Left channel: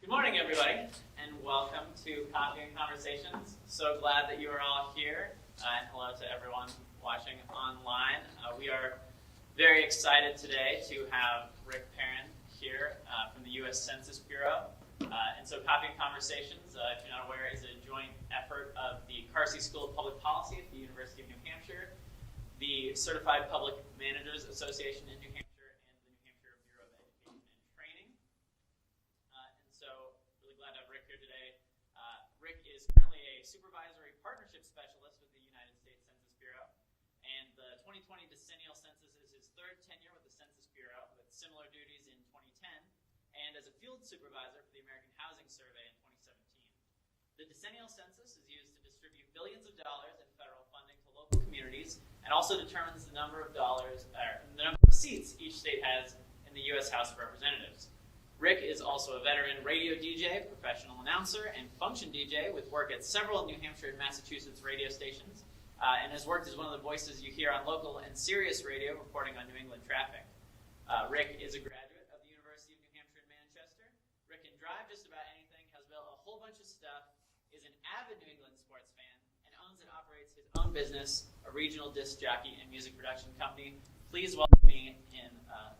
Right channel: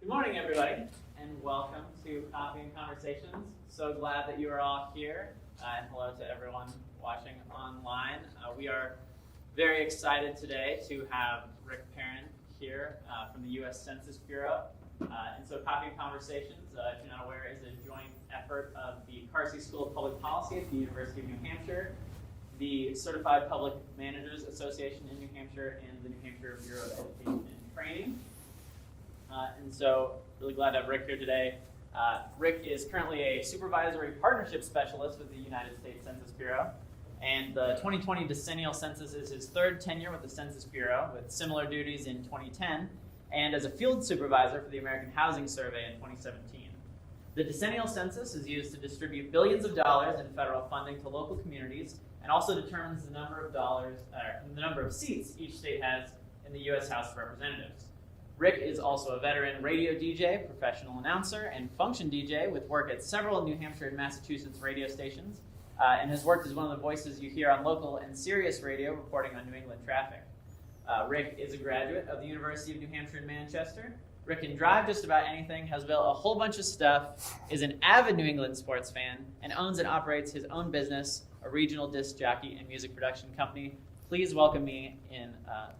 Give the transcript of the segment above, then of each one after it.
Good morning, everybody, and welcome to Coffee and Conversations. So glad that you are all here, and hello to everyone watching online. We are very excited today to have Rick Perrin here from the U.S. Census Bureau. And so Coffee and Conversations, if you're not aware, is a joint effort of the Carsey School of Public Policy at the University of New Hampshire, the Certified Public Managers Association in New Hampshire, and the New Hampshire Bureau of Education and Training. And so, really glad to have Rick here today. Rick is currently a Supervisory Partnership Specialist with the United States Census Bureau. And the 2020 decennial census is his third tenure with the Census Bureau, with similar duties in 2010, and as a field supervisor for the American Housing Survey in 2017. The decennial census is used to distribute billions of dollars in federal funding to local communities, and also determines the number of seats each state has in the U.S. House of Representatives. Rick is also a veteran radio DJ, professional announcer, and function DJ with work at several New Hampshire and Massachusetts radio stations, and has worked as one of the voices you hear on local and Sirius radio reporting on New England traffic. Rick is a graduate of the University of New Hampshire in Manchester. Rick can drive just about anything, has built a whole bunch of stuff, is an avid New England sports fan, and owns and operates his own business, a regional disc jockey and music production company. Please welcome me in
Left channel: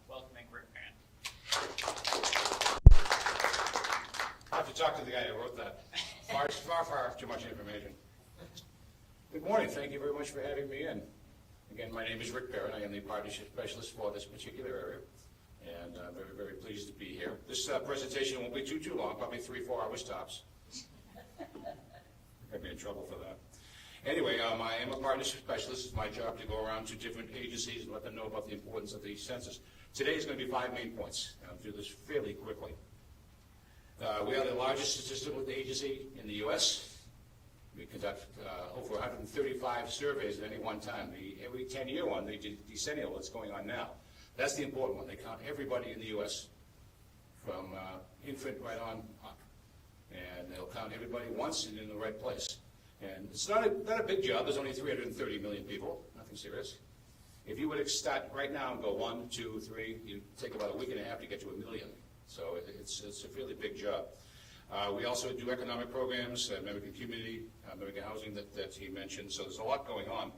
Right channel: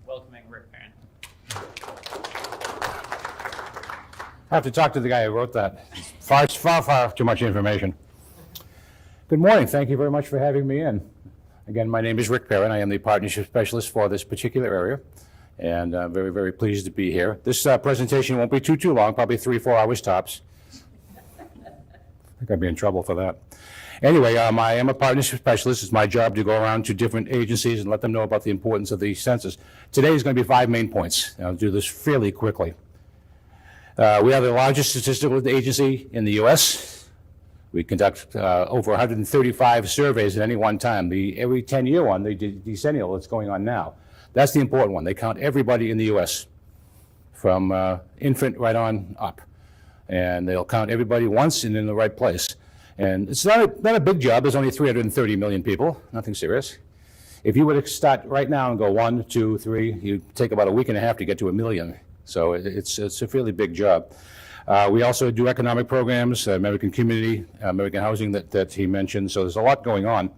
welcoming Rick Perrin. I have to talk to the guy who wrote that. Far too much information. Good morning. Thank you very much for having me in. Again, my name is Rick Perrin. I am the Partnership Specialist for this particular area, and very, very pleased to be here. This presentation won't be too long, probably 3-4 hours tops. I think I'd be in trouble for that. Anyway, I am a Partnership Specialist. It's my job to go around to different agencies and let them know about the importance of the census. Today is going to be 5 main points. I'll do this fairly quickly. We are the largest statistical agency in the U.S. We conduct over 135 surveys at any one time. Every 10-year one, the decennial that's going on now. That's the important one. They count everybody in the U.S. from infant right on up. And they'll count everybody once and in the right place. And it's not a big job. There's only 330 million people, nothing serious. If you were to start right now and go 1, 2, 3, you'd take about a week and a half to get to 1 million. So it's a fairly big job. We also do economic programs, American community, American housing that he mentioned. So there's a lot going on.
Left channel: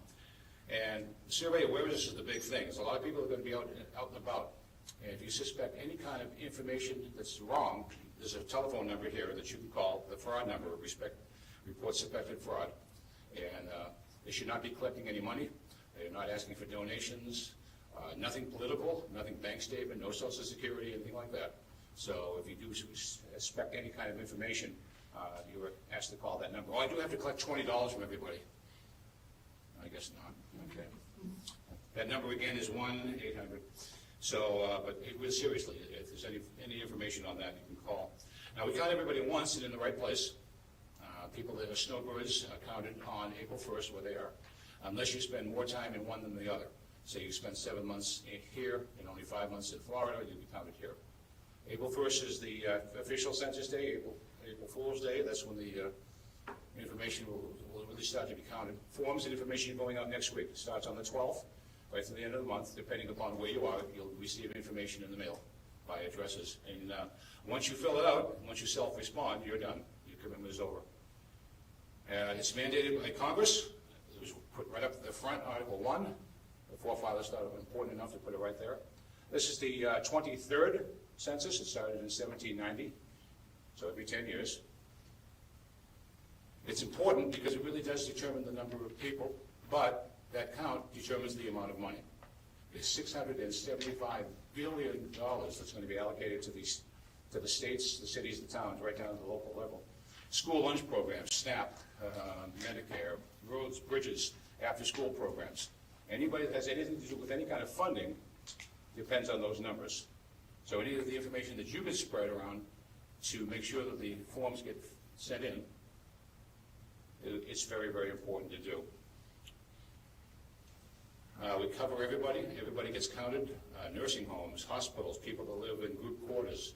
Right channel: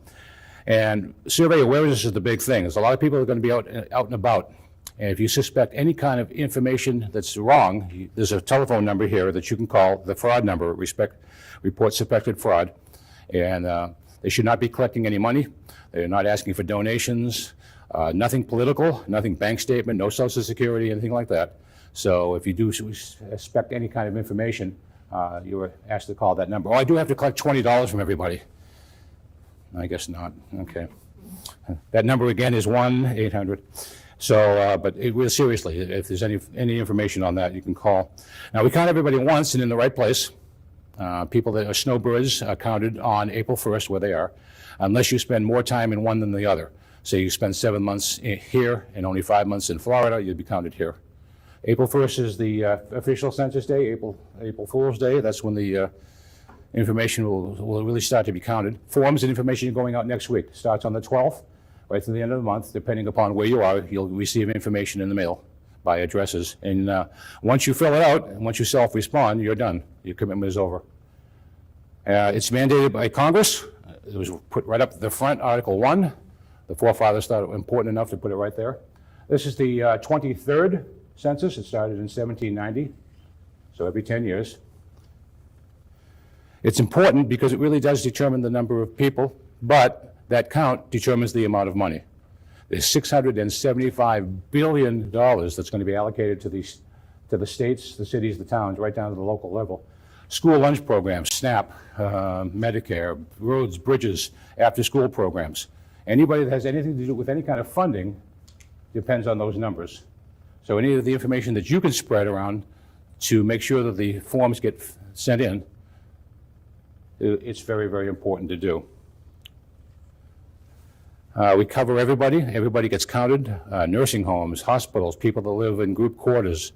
And survey awareness is the big thing. There's a lot of people that are going to be out and about. And if you suspect any kind of information that's wrong, there's a telephone number here that you can call, the fraud number, report suspected fraud. And they should not be collecting any money. They're not asking for donations, nothing political, nothing bank statement, no Social Security, anything like that. So if you do suspect any kind of information, you were asked to call that number. Oh, I do have to collect $20 from everybody. I guess not. Okay. That number again is 1-800. So, but really seriously, if there's any information on that, you can call. Now, we count everybody once and in the right place. People that are snowbirds are counted on April 1st where they are, unless you spend more time in one than the other. Say you spend 7 months here and only 5 months in Florida, you'd be counted here. April 1st is the official census day, April Fool's Day. That's when the information will really start to be counted. Forms and information going out next week. Starts on the 12th, right to the end of the month. Depending upon where you are, you'll receive information in the mail by addresses. And once you fill it out, and once you self-respond, you're done. Your commitment is over. It's mandated by Congress. It was put right up the front, Article 1. The forefathers thought it important enough to put it right there. This is the 23rd census. It started in 1790, so every 10 years. It's important because it really does determine the number of people, but that count determines the amount of money. There's $675 billion that's going to be allocated to the states, the cities, the towns, right down to the local level. School lunch programs, SNAP, Medicare, roads, bridges, after-school programs. Anybody that has anything to do with any kind of funding depends on those numbers. So any of the information that you can spread around to make sure that the forms get sent in, it's very, very important to do. We cover everybody. Everybody gets counted. Nursing homes, hospitals, people that live in group quarters.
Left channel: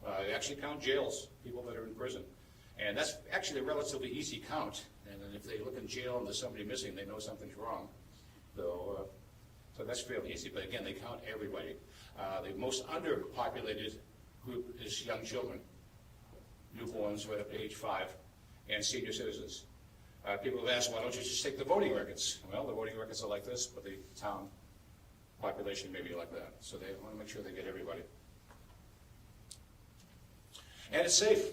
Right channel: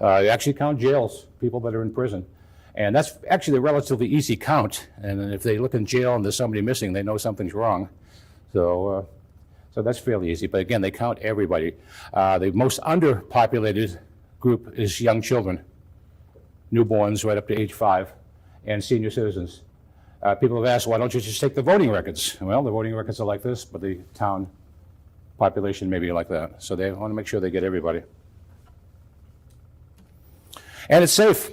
They actually count jails, people that are in prison. And that's actually a relatively easy count. And if they look in jail and there's somebody missing, they know something's wrong. So that's fairly easy. But again, they count everybody. The most underpopulated group is young children. newborns right up to age 5, and senior citizens. People have asked, why don't you just take the voting records? Well, the voting records are like this, but the town population may be like that. So they want to make sure they get everybody. And it's safe.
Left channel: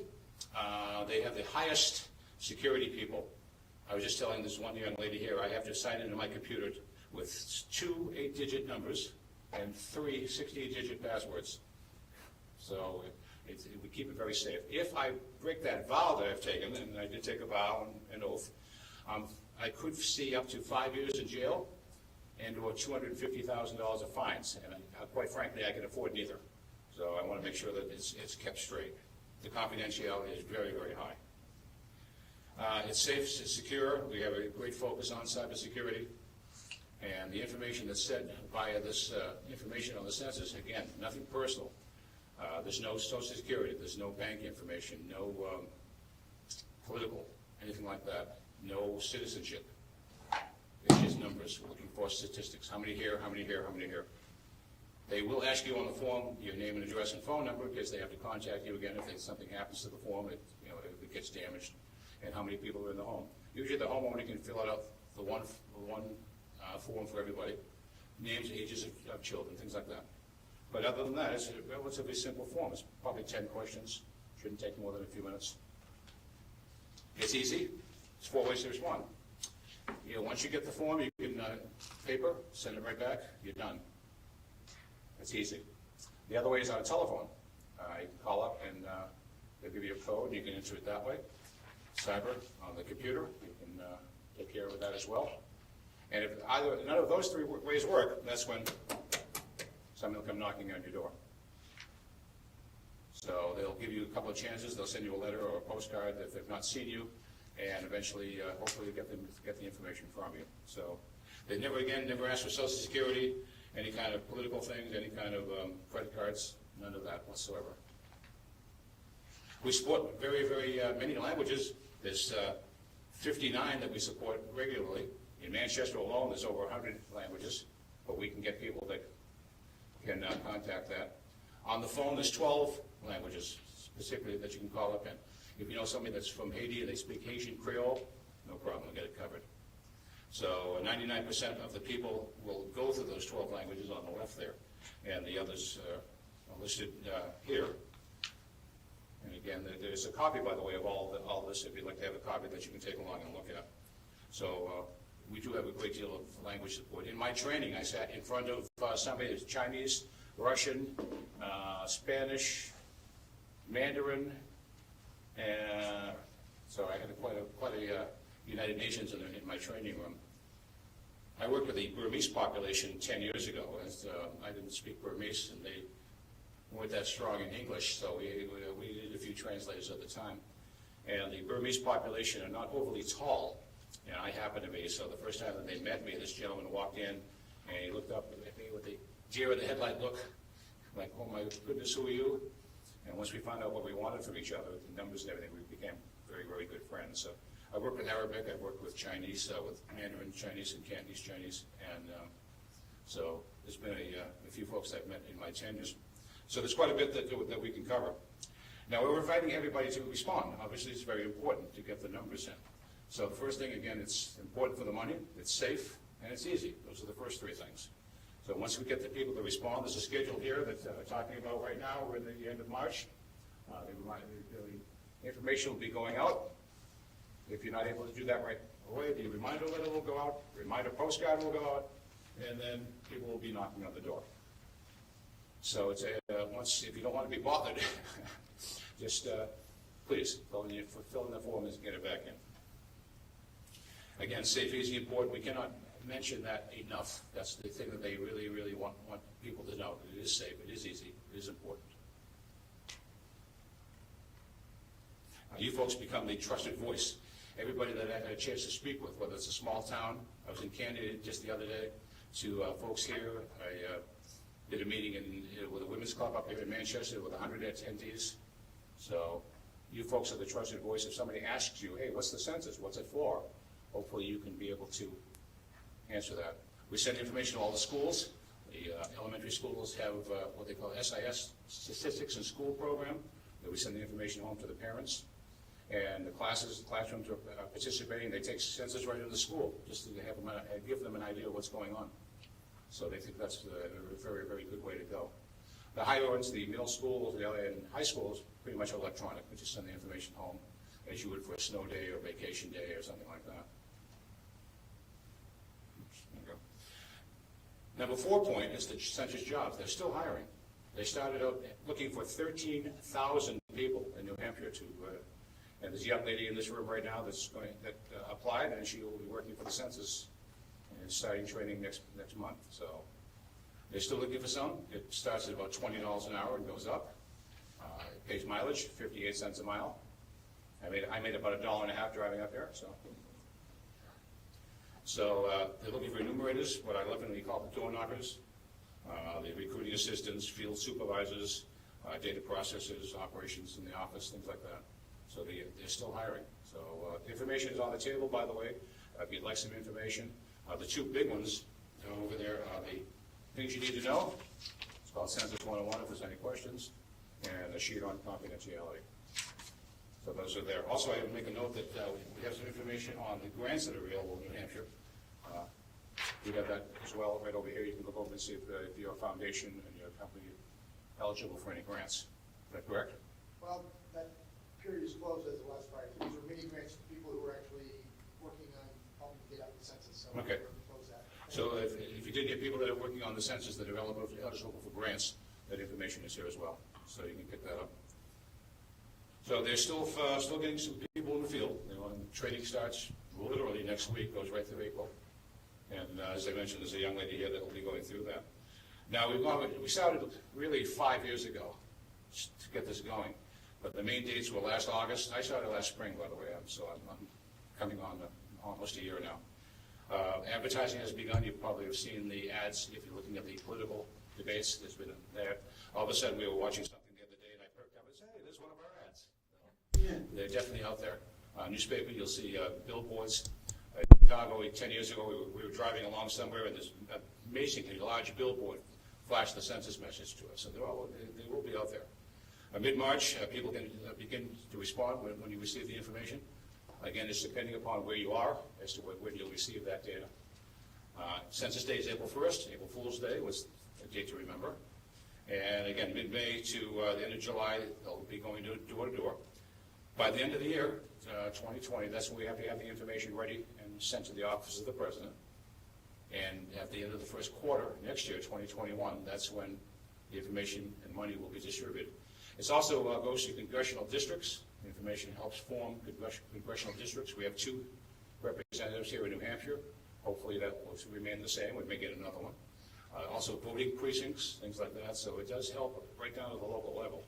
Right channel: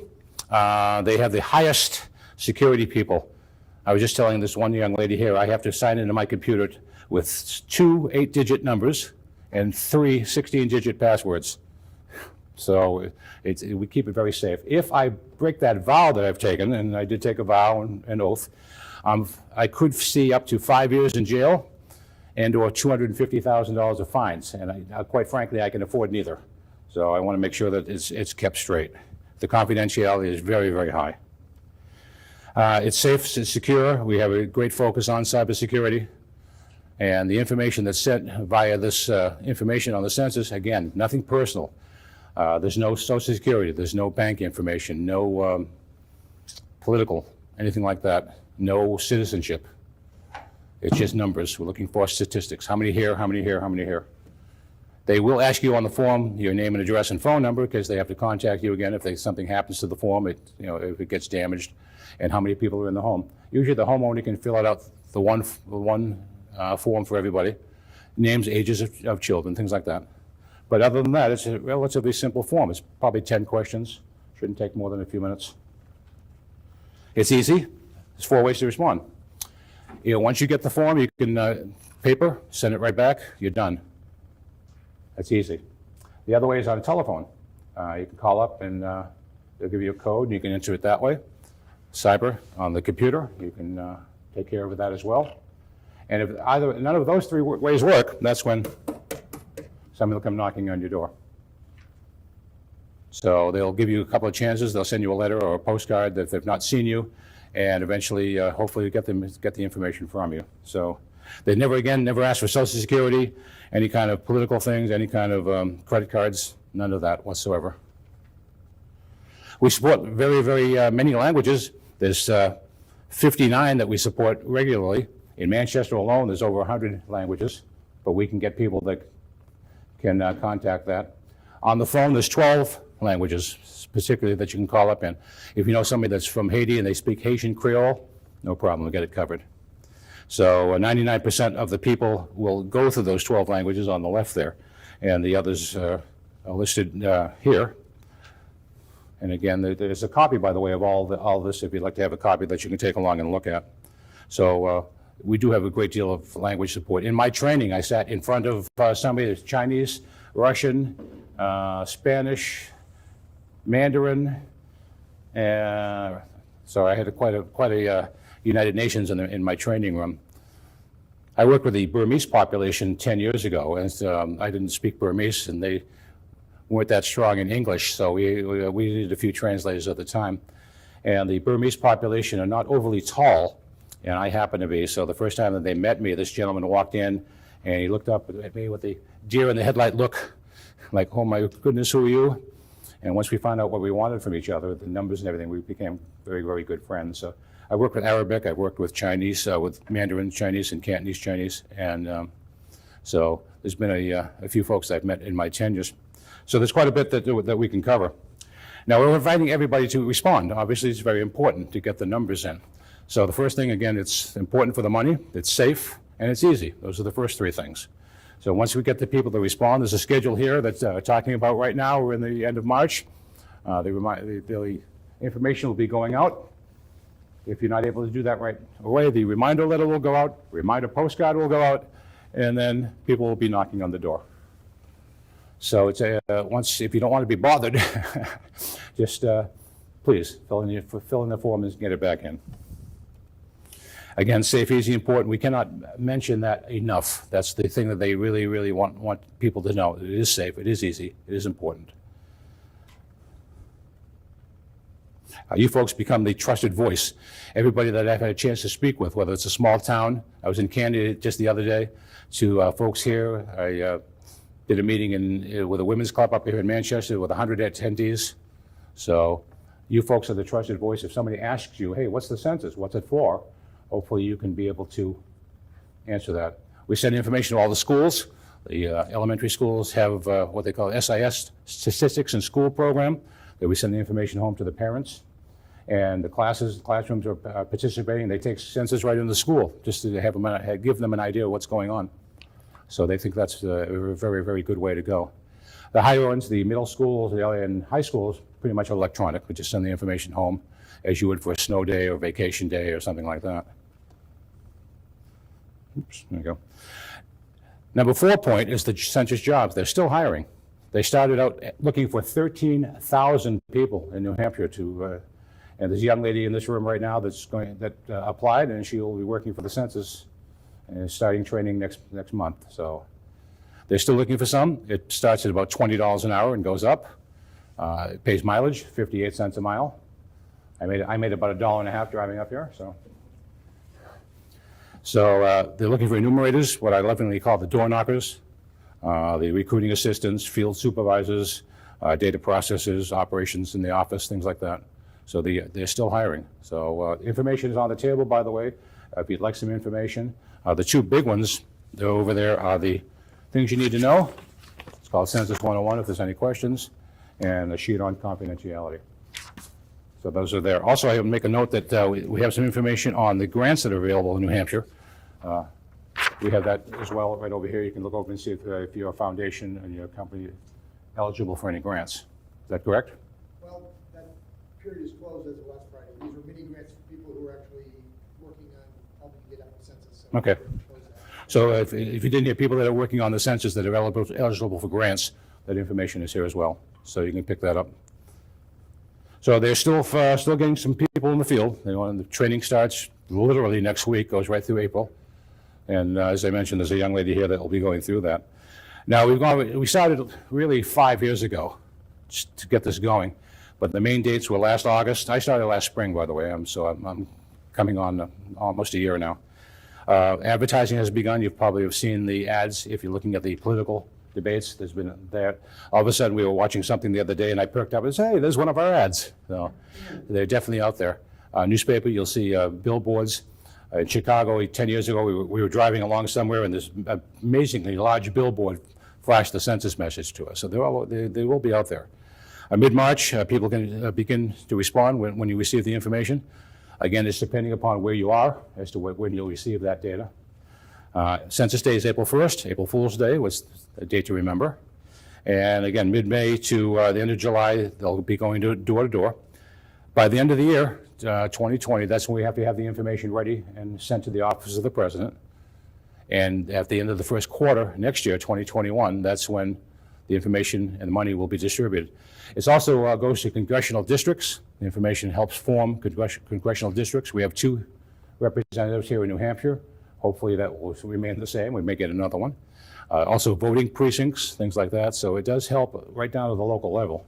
They have the highest security people. I was just telling this one young lady here, I have to sign into my computer with 2 8-digit numbers and 3 16-digit passwords. So we keep it very safe. If I break that vow that I've taken, and I did take a vow and an oath, I could see up to 5 years in jail and or $250,000 of fines. And quite frankly, I can afford neither. So I want to make sure that it's kept straight. The confidentiality is very, very high. It's safe, it's secure. We have a great focus on cybersecurity. And the information that's sent via this information on the census, again, nothing personal. There's no social security, there's no bank information, no political, anything like that, no citizenship. It's just numbers. We're looking for statistics. How many here, how many here, how many here? They will ask you on the form your name and address and phone number because they have to contact you again if something happens to the form, if it gets damaged, and how many people are in the home. Usually the homeowner can fill out the one form for everybody, names, ages of children, things like that. But other than that, it's a relatively simple form. It's probably 10 questions. Shouldn't take more than a few minutes. It's easy. There's 4 ways to respond. Once you get the form, you can paper, send it right back, you're done. That's easy. The other way is on a telephone. You can call up and they'll give you a code and you can enter it that way. Cyber on the computer, you can take care of that as well. And if none of those 3 ways work, that's when somebody will come knocking on your door. So they'll give you a couple of chances. They'll send you a letter or a postcard that they've not seen you, and eventually, hopefully, get the information from you. So they never ask for Social Security, any kind of political things, any kind of credit cards, none of that whatsoever. We support very, very many languages. There's 59 that we support regularly. In Manchester alone, there's over 100 languages, but we can get people that can contact that. On the phone, there's 12 languages, specifically, that you can call up in. If you know somebody that's from Haiti and they speak Haitian Creole, no problem, we'll get it covered. So 99% of the people will go through those 12 languages on the left there, and the others are listed here. And again, there's a copy, by the way, of all this, if you'd like to have a copy that you can take along and look at. So we do have a great deal of language support. In my training, I sat in front of somebody that's Chinese, Russian, Spanish, Mandarin, so I had quite a United Nations in my training room. I worked with the Burmese population 10 years ago, and I didn't speak Burmese, and they weren't that strong in English, so we needed a few translators at the time. And the Burmese population are not overly tall, and I happen to be. So the first time that they met me, this gentleman walked in, and he looked up at me with the deer in the headlight look, like, oh my goodness, who are you? And once we found out what we wanted from each other, the numbers and everything, we became very, very good friends. So I worked with Arabic, I worked with Chinese, with Mandarin Chinese and Cantonese Chinese, and so there's been a few folks I've met in my tenures. So there's quite a bit that we can cover. Now, we're inviting everybody to respond. Obviously, it's very important to get the numbers in. So the first thing, again, it's important for the money, it's safe, and it's easy. Those are the first 3 things. So once we get the people to respond, there's a schedule here that we're talking about right now. We're in the end of March. The information will be going out. If you're not able to do that right away, the reminder letter will go out, reminder postcard will go out, and then people will be knocking on the door. So it's if you don't want to be bothered, just please fill in the form and get it back in. Again, safe, easy, important. We cannot mention that enough. That's the thing that they really, really want people to know. It is safe, it is easy, it is important. You folks become the trusted voice. Everybody that I've had a chance to speak with, whether it's a small town, I was in Canada just the other day, to folks here. I did a meeting with a women's club up here in Manchester with 100 attendees. So you folks are the trusted voice. If somebody asks you, hey, what's the census? What's it for? Hopefully you can be able to answer that. We send information to all the schools. The elementary schools have what they call SIS, Statistics in School program. that we send the information home to the parents. And the classrooms are participating. They take census right into the school just to have them, give them an idea of what's going on. So they think that's a very, very good way to go. The higher ones, the middle schools and high schools, pretty much electronic. We just send the information home as you would for a snow day or vacation day or something like that. Oops, there you go. Number 4 point is the census jobs. They're still hiring. They started out looking for 13,000 people in New Hampshire to, and there's a young lady in this room right now that applied, and she will be working for the census and starting training next month. So they're still looking for some. It starts at about $20 an hour and goes up. It pays mileage, 58 cents a mile. I made about $1.50 driving up here. So they're looking for enumerators, what I lovingly call the door knockers, the recruiting assistants, field supervisors, data processors, operations in the office, things like that. So they're still hiring. So information is on the table, by the way, if you'd like some information. The 2 big ones, they're over there, are the things you need to know. It's called Census 101 if there's any questions, and a sheet on confidentiality. So those are there. Also, I will make a note that we have some information on the grants that are available in New Hampshire. We have that as well right over here. You can look over and see if your foundation and your company eligible for any grants. Is that correct? Well, that period is closed as of last Friday. These are mini grants for people who are actually working on helping get out the census. So Okay. So if you didn't hear people that are working on the census that are eligible for grants, that information is here as well. So you can pick that up. So they're still getting some people in the field. The training starts literally next week, goes right through April. And as I mentioned, there's a young lady here that will be going through that. Now, we started really 5 years ago just to get this going. But the main dates were last August. I started last spring, by the way. I'm coming on almost a year now. Advertising has begun. You probably have seen the ads if you're looking at the political debates. There's been there. All of a sudden, we were watching something the other day, and I perked up and said, "Hey, there's one of our ads." So they're definitely out there. Newspaper, you'll see billboards. In Chicago, 10 years ago, we were driving along somewhere, and this amazingly large billboard flashed the census message to us. So they will be out there. Mid-March, people can begin to respond when you receive the information. Again, it's depending upon where you are as to when you'll receive that data. Census Day is April 1st. April Fool's Day was a date to remember. And again, mid-May to the end of July, they'll be going door to door. By the end of the year, 2020, that's when we have to have the information ready and sent to the office of the president. And at the end of the first quarter next year, 2021, that's when the information and the money will be distributed. It also goes to congressional districts. The information helps form congressional districts. We have 2 representatives here in New Hampshire. Hopefully that will remain the same. We may get another one. Also voting precincts, things like that. So it does help right down to the local level.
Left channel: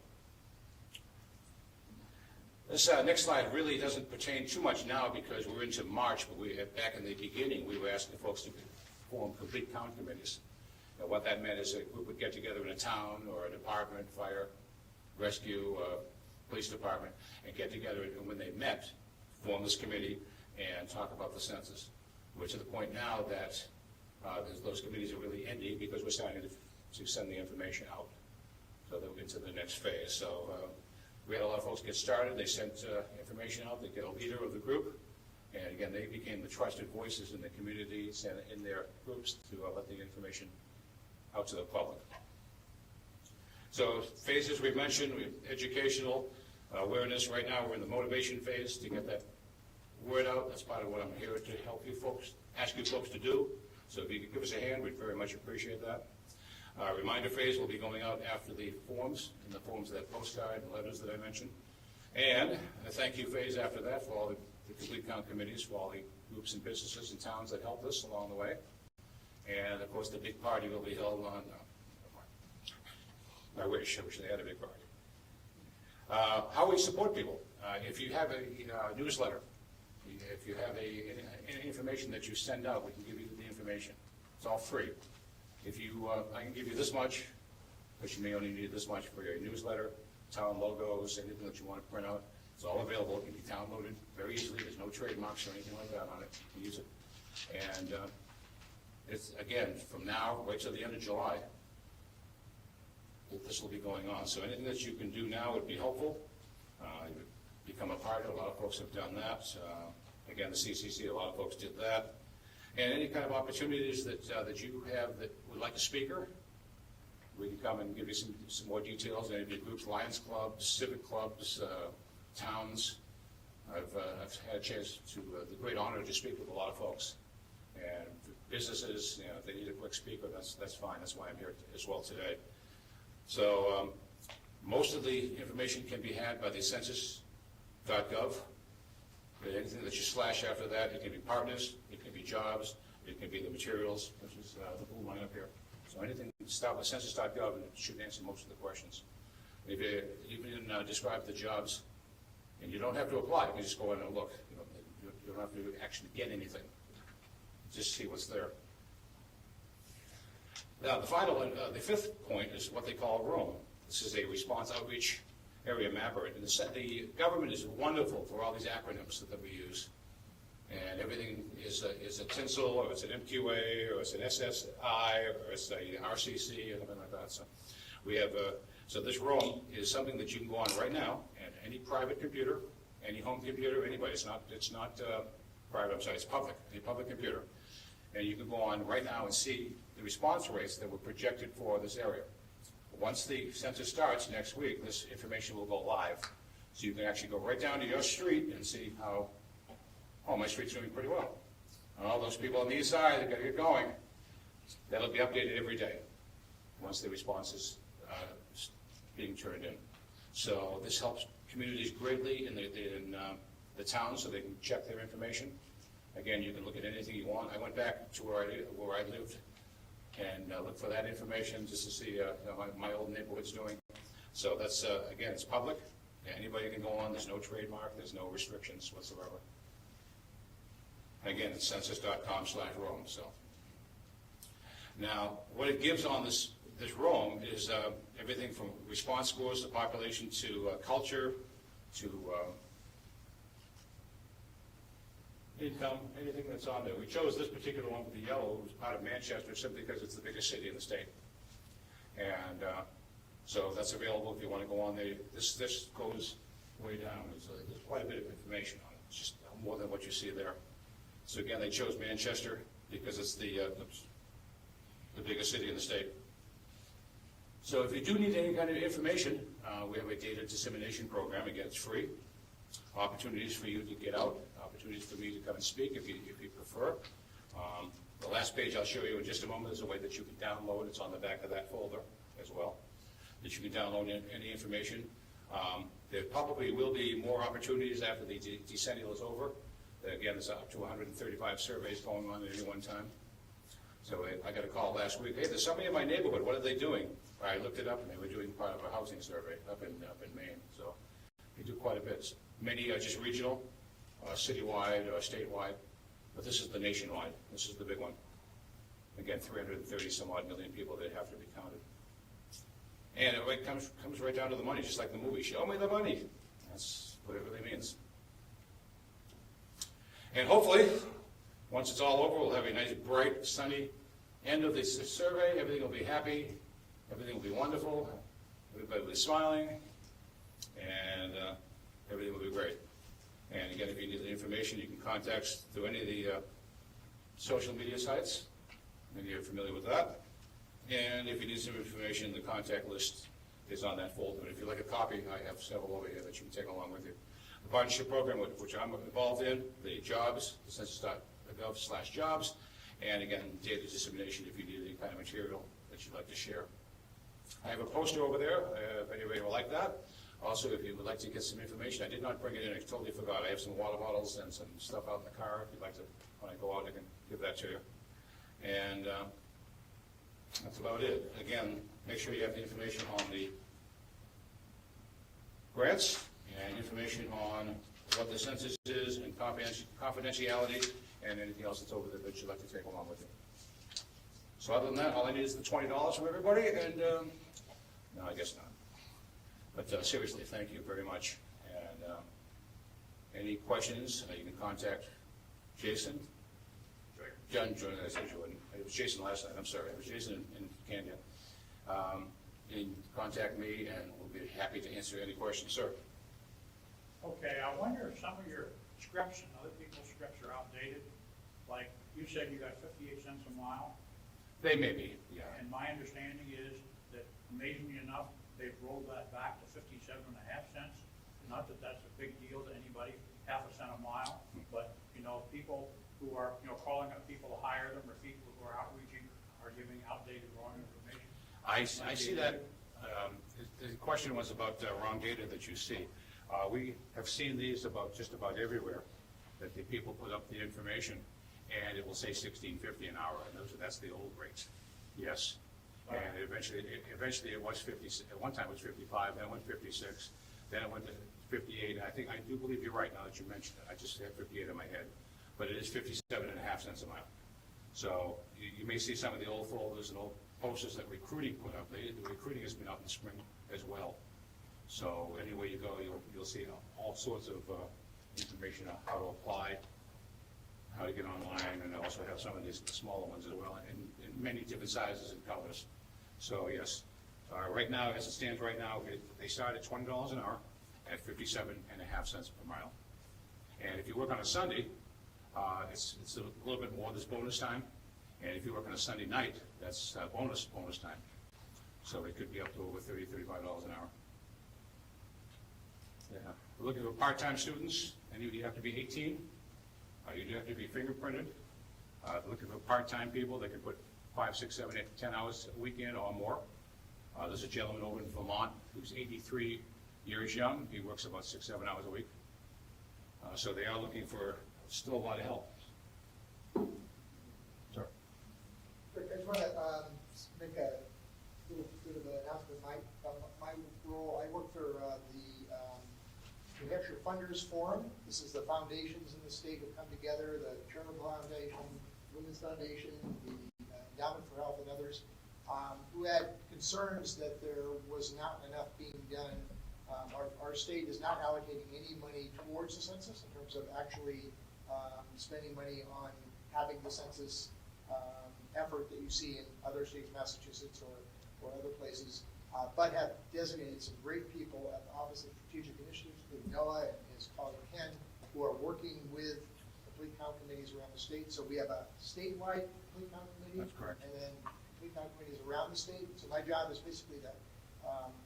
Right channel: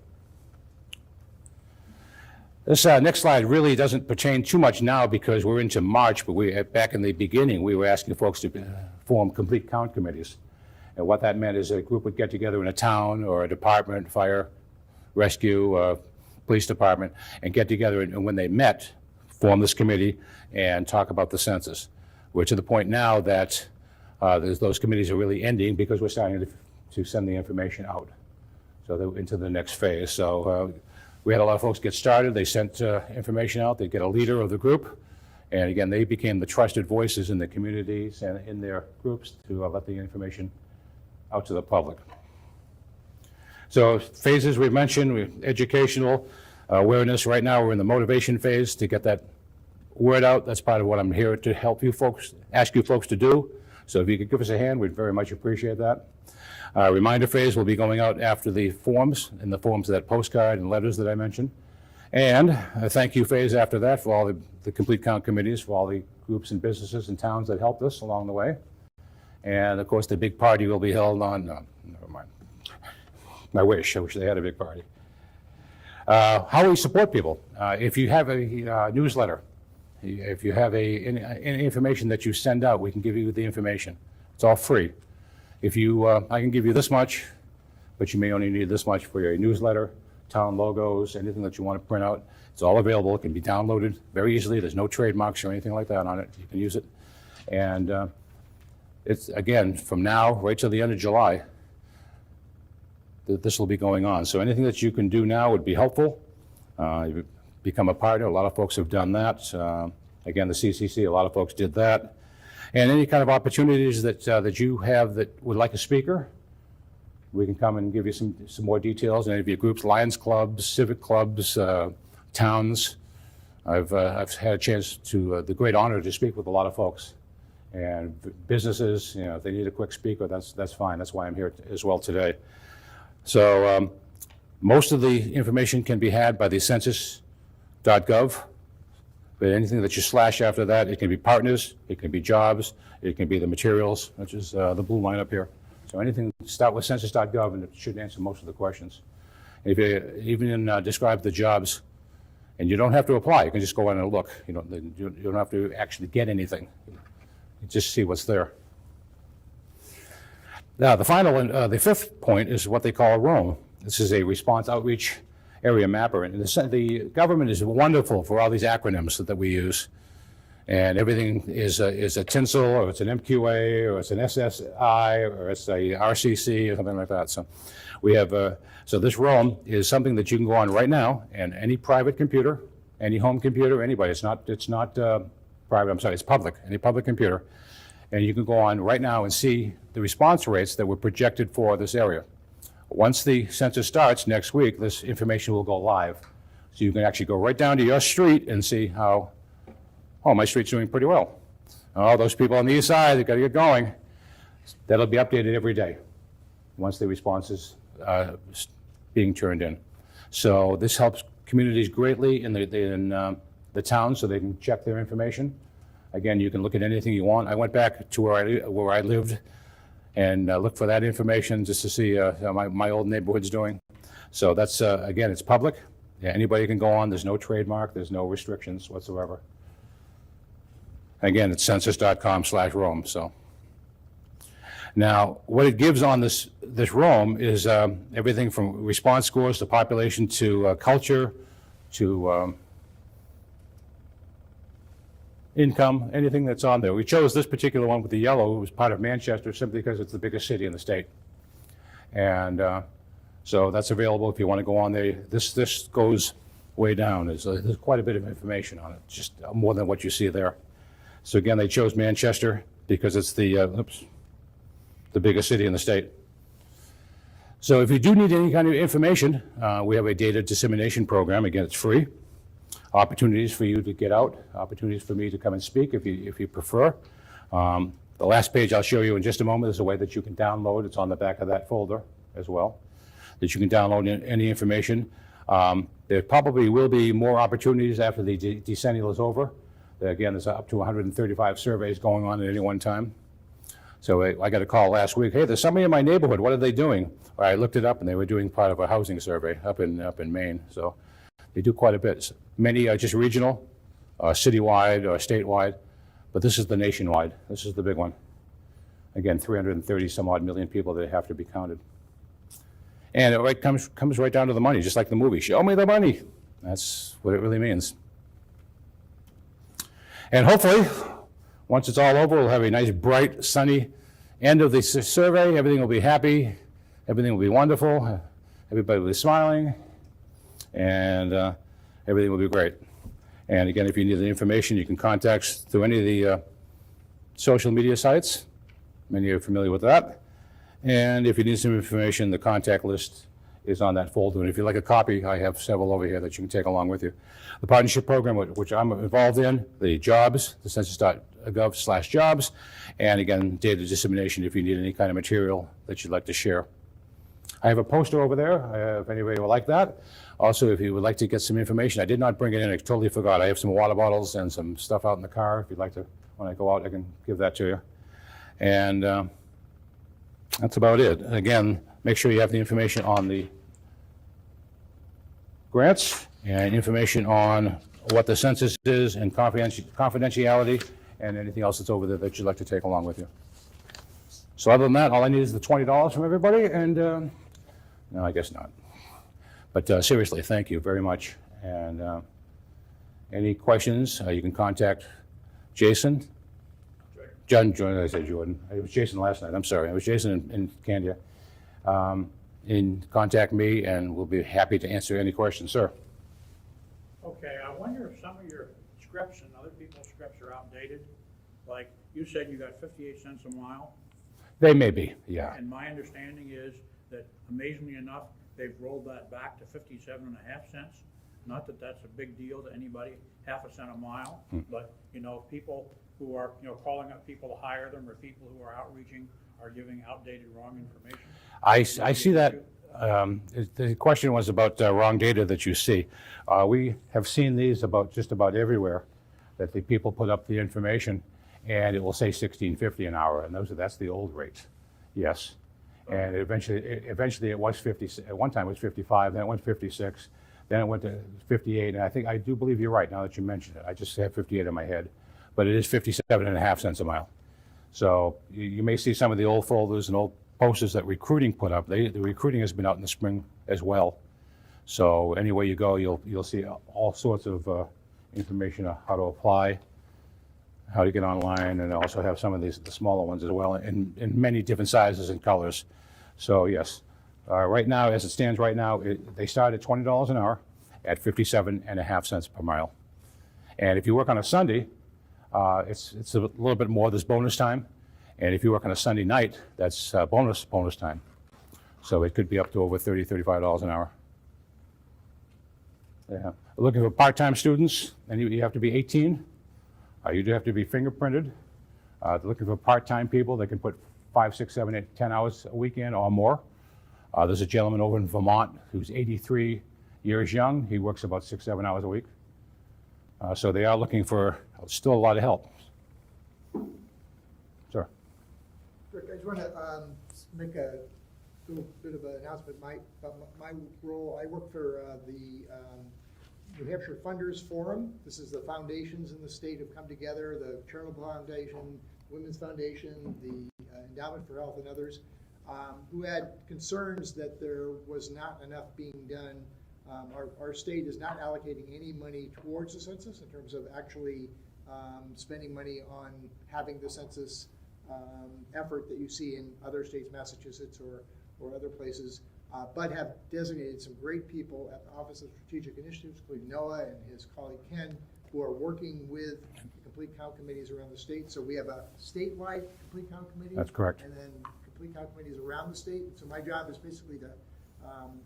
This next slide really doesn't pertain too much now because we're into March, but back in the beginning, we were asking folks to form complete count committees. And what that meant is a group would get together in a town or a department, fire, rescue, police department, and get together, and when they met, form this committee and talk about the census. We're to the point now that those committees are really ending because we're starting to send the information out. So they're into the next phase. So we had a lot of folks get started. They sent information out. They get a leader of the group. And again, they became the trusted voices in the communities and in their groups to let the information out to the public. So phases we've mentioned, educational, awareness. Right now we're in the motivation phase to get that word out. That's part of what I'm here to help you folks, ask you folks to do. So if you could give us a hand, we'd very much appreciate that. Reminder phase will be going out after the forms, in the forms of that postcard and letters that I mentioned. And a thank you phase after that for all the complete count committees, for all the groups and businesses and towns that helped us along the way. And of course, the big party will be held on, never mind. I wish they had a big party. How we support people. If you have a newsletter, if you have any information that you send out, we can give you the information. It's all free. If you, I can give you this much, but you may only need this much for your newsletter, town logos, anything that you want to print out. It's all available. It can be downloaded very easily. There's no trademarks or anything like that on it. You can use it. And it's, again, from now right till the end of July, this will be going on. So anything that you can do now would be helpful. You become a partner. A lot of folks have done that. Again, the CCC, a lot of folks did that. And any kind of opportunities that you have that would like a speaker, we can come and give you some more details. Any of your groups, Lions clubs, civic clubs, towns. I've had a chance to, the great honor to speak with a lot of folks. And businesses, if they need a quick speaker, that's fine. That's why I'm here as well today. So most of the information can be had by the census.gov. But anything that you slash after that, it can be partners, it can be jobs, it can be the materials, which is the blue line up here. So anything, start with census.gov and it should answer most of the questions. If you even describe the jobs, and you don't have to apply, you can just go in and look. You don't have to actually get anything. You just see what's there. Now, the fifth point is what they call Rome. This is a response outreach area mapper. And the government is wonderful for all these acronyms that we use. And everything is a tinsel, or it's an MQA, or it's an SSI, or it's a RCC, or something like that. So we have, so this Rome is something that you can go on right now, and any private computer, any home computer, anybody. It's not private, I'm sorry, it's public, any public computer. And you can go on right now and see the response rates that were projected for this area. Once the census starts next week, this information will go live. So you can actually go right down to your street and see how, oh, my street's doing pretty well. Oh, those people on the east side, they've got to get going. That'll be updated every day once the response is being turned in. So this helps communities greatly in the town so they can check their information. Again, you can look at anything you want. I went back to where I lived and look for that information just to see how my old neighborhood's doing. So that's, again, it's public. Yeah, anybody can go on. There's no trademark. There's no restrictions whatsoever. Again, it's census.com/Rome. So now what it gives on this Rome is everything from response scores to population to culture to income, anything that's on there. We chose this particular one with the yellow. It was part of Manchester simply because it's the biggest city in the state. And so that's available if you want to go on there. This goes way down. There's quite a bit of information on it, just more than what you see there. So again, they chose Manchester because it's the biggest city in the state. So if you do need any kind of information, we have a data dissemination program. Again, it's free. Opportunities for you to get out, opportunities for me to come and speak if you prefer. The last page I'll show you in just a moment is a way that you can download. It's on the back of that folder as well, that you can download any information. There probably will be more opportunities after the decennial is over. Again, there's up to 135 surveys going on at any one time. So I got a call last week. Hey, there's somebody in my neighborhood. What are they doing? Well, I looked it up, and they were doing part of a housing survey up in Maine. So they do quite a bit. Many are just regional, citywide, or statewide, but this is the nationwide. This is the big one. Again, 330 some odd million people that have to be counted. And it comes right down to the money, just like the movie. Show me the money. That's what it really means. And hopefully, once it's all over, we'll have a nice, bright, sunny end of the survey. Everything will be happy. Everything will be wonderful. Everybody will be smiling. And everything will be great. And again, if you need the information, you can contact us through any of the social media sites. Many are familiar with that. And if you need some information, the contact list is on that folder. And if you'd like a copy, I have several over here that you can take along with you. The partnership program, which I'm involved in, the jobs, the census.gov/jobs, and again, data dissemination if you need any kind of material that you'd like to share. I have a poster over there, if anybody would like that. Also, if you would like to get some information, I did not bring it in, I totally forgot. I have some water bottles and some stuff out in the car. If you'd like to, when I go out, I can give that to you. And that's about it. Again, make sure you have the information on the grants and information on what the census is and confidentiality and anything else that's over there that you'd like to take along with you. So other than that, all I need is the $20 from everybody, and no, I guess not. But seriously, thank you very much. And any questions, you can contact Jason. Jordan, I said Jordan. It was Jason last night. I'm sorry. It was Jason in Candia. And contact me, and we'll be happy to answer any questions, sir. Okay, I wonder if some of your scripts and other people's scripts are outdated. Like, you said you got 58 cents a mile, They may be, yeah. and my understanding is that amazingly enough, they've rolled that back to 57.5 cents. Not that that's a big deal to anybody, half a cent a mile, but, you know, people who are, you know, calling up people to hire them, or people who are outreaching are giving outdated, wrong information. I see that. The question was about wrong data that you see. We have seen these just about everywhere, that the people put up the information and it will say $16.50 an hour, and that's the old rates. Yes. And eventually it was 50, at one time it was 55, then it went 56, then it went to 58, and I do believe you're right now that you mentioned it. I just have 58 in my head, but it is 57.5 cents a mile. So you may see some of the old folders and old posters that recruiting put up. The recruiting has been out in the spring as well. So anywhere you go, you'll see all sorts of information on how to apply, how to get online, and also have some of the smaller ones as well in many different sizes and colors. So yes, right now, as it stands right now, they start at $20 an hour at 57.5 cents per mile. And if you work on a Sunday, it's a little bit more. There's bonus time. And if you work on a Sunday night, that's bonus time. So it could be up to over $30, $35 an hour. Yeah. Looking for part-time students, and you have to be 18. You do have to be fingerprinted. Looking for part-time people, they can put 5, 6, 7, 8, 10 hours a week in or more. There's a gentleman over in Vermont who's 83 years young. He works about 6, 7 hours a week. So they are looking for still a lot of help. Sir. Rick, I just want to make a little bit of an announcement. My role, I work for the New Hampshire Funders Forum. This is the foundations in the state have come together, the Charitable Foundation, Women's Foundation, the Endowment for Health, and others, who had concerns that there was not enough being done. Our state is not allocating any money towards the census in terms of actually spending money on having the census effort that you see in other states, Massachusetts or other places, but have designated some great people at the Office of Strategic Initiatives, including Noah and his colleague Ken, who are working with complete count committees around the state. So we have a statewide complete count committee. That's correct. And then complete count committees around the state. So my job is basically to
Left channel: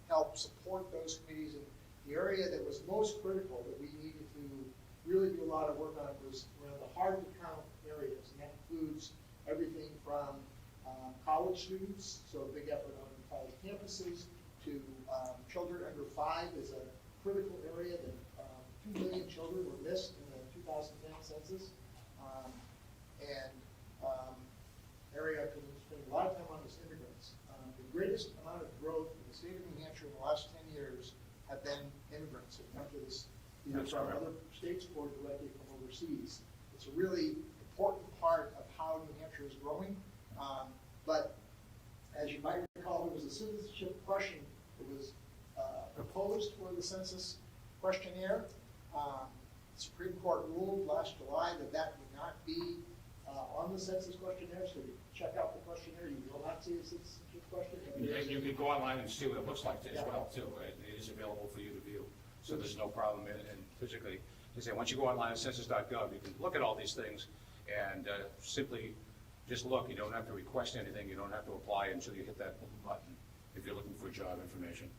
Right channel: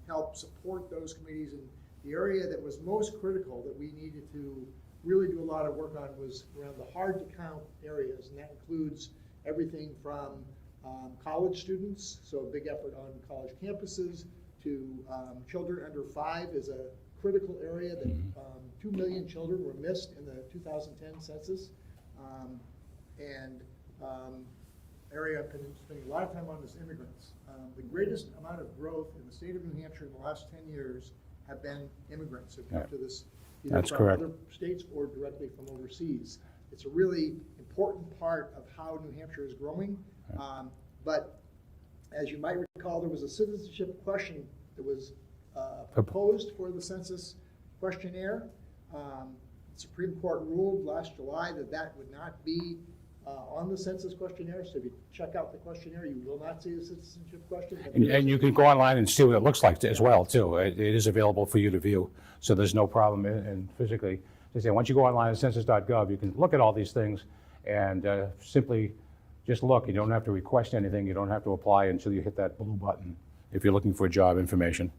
help support those committees. And the area that was most critical that we needed to really do a lot of work on was around the hard to count areas, and that includes everything from college students, so a big effort on college campuses, to children under 5 is a critical area that 2 million children were missed in the 2010 census. Area I'm spending a lot of time on is immigrants. The greatest amount of growth in the state of New Hampshire in the last 10 years have been immigrants who've come to this either That's from correct. other states or directly from overseas. It's a really important part of how New Hampshire is growing. But as you might recall, there was a citizenship question that was proposed for the census questionnaire. The Supreme Court ruled last July that would not be on the census questionnaire. So if you check out the questionnaire, you will not see the citizenship question. And you can go online and see what it looks like as well, too. It is available for you to view, so there's no problem in physically. They say once you go online at census.gov, you can look at all these things and simply just look. You don't have to request anything. You don't have to apply until you hit that blue button if you're looking for job information.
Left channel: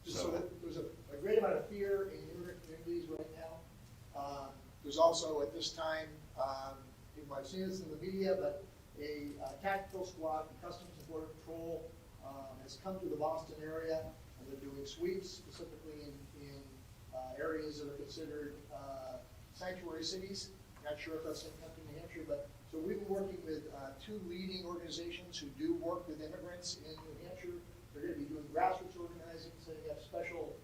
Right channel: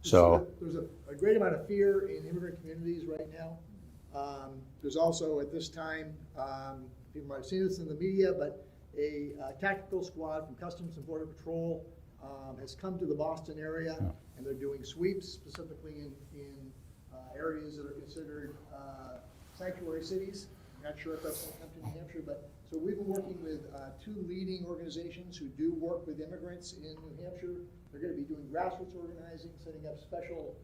So there's a great amount of fear in immigrant communities right now. There's also at this time, people might have seen this in the media, but a tactical squad from Customs and Border Patrol has come to the Boston area, and they're doing sweeps specifically in areas that are considered sanctuary cities. I'm not sure if that's something in New Hampshire, but so we've been working with 2 leading organizations who do work with immigrants in New Hampshire. They're going to be doing grassroots organizing, setting up special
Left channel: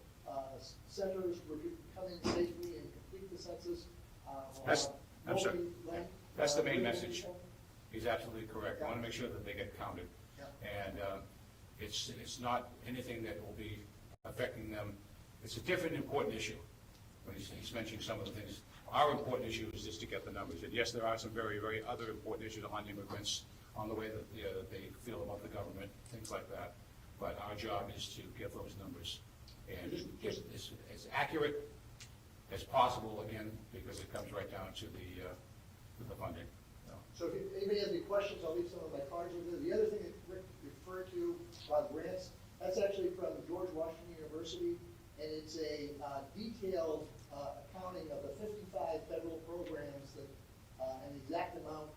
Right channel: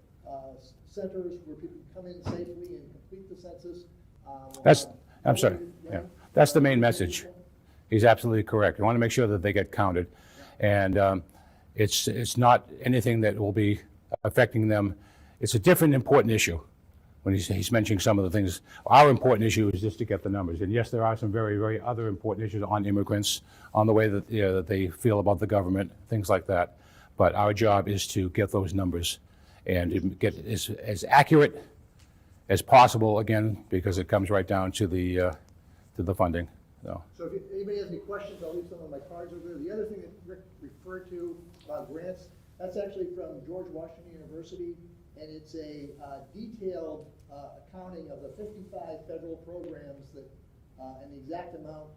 centers where people can come in safely and complete the census. I'm sorry. Yeah. That's the main message. He's absolutely correct. You want to make sure that they get counted. And it's not anything that will be affecting them. It's a different important issue when he's mentioning some of the things. Our important issue is just to get the numbers. And yes, there are some very, very other important issues on immigrants, on the way that, that they feel about the government, things like that. But our job is to get those numbers and to get as accurate as possible, again, because it comes right down to the funding. So if anybody has any questions, I'll leave some of my cards over there. The other thing that Rick referred to about grants, that's actually from George Washington University, and it's a detailed accounting of the 55 federal programs that, and the exact amount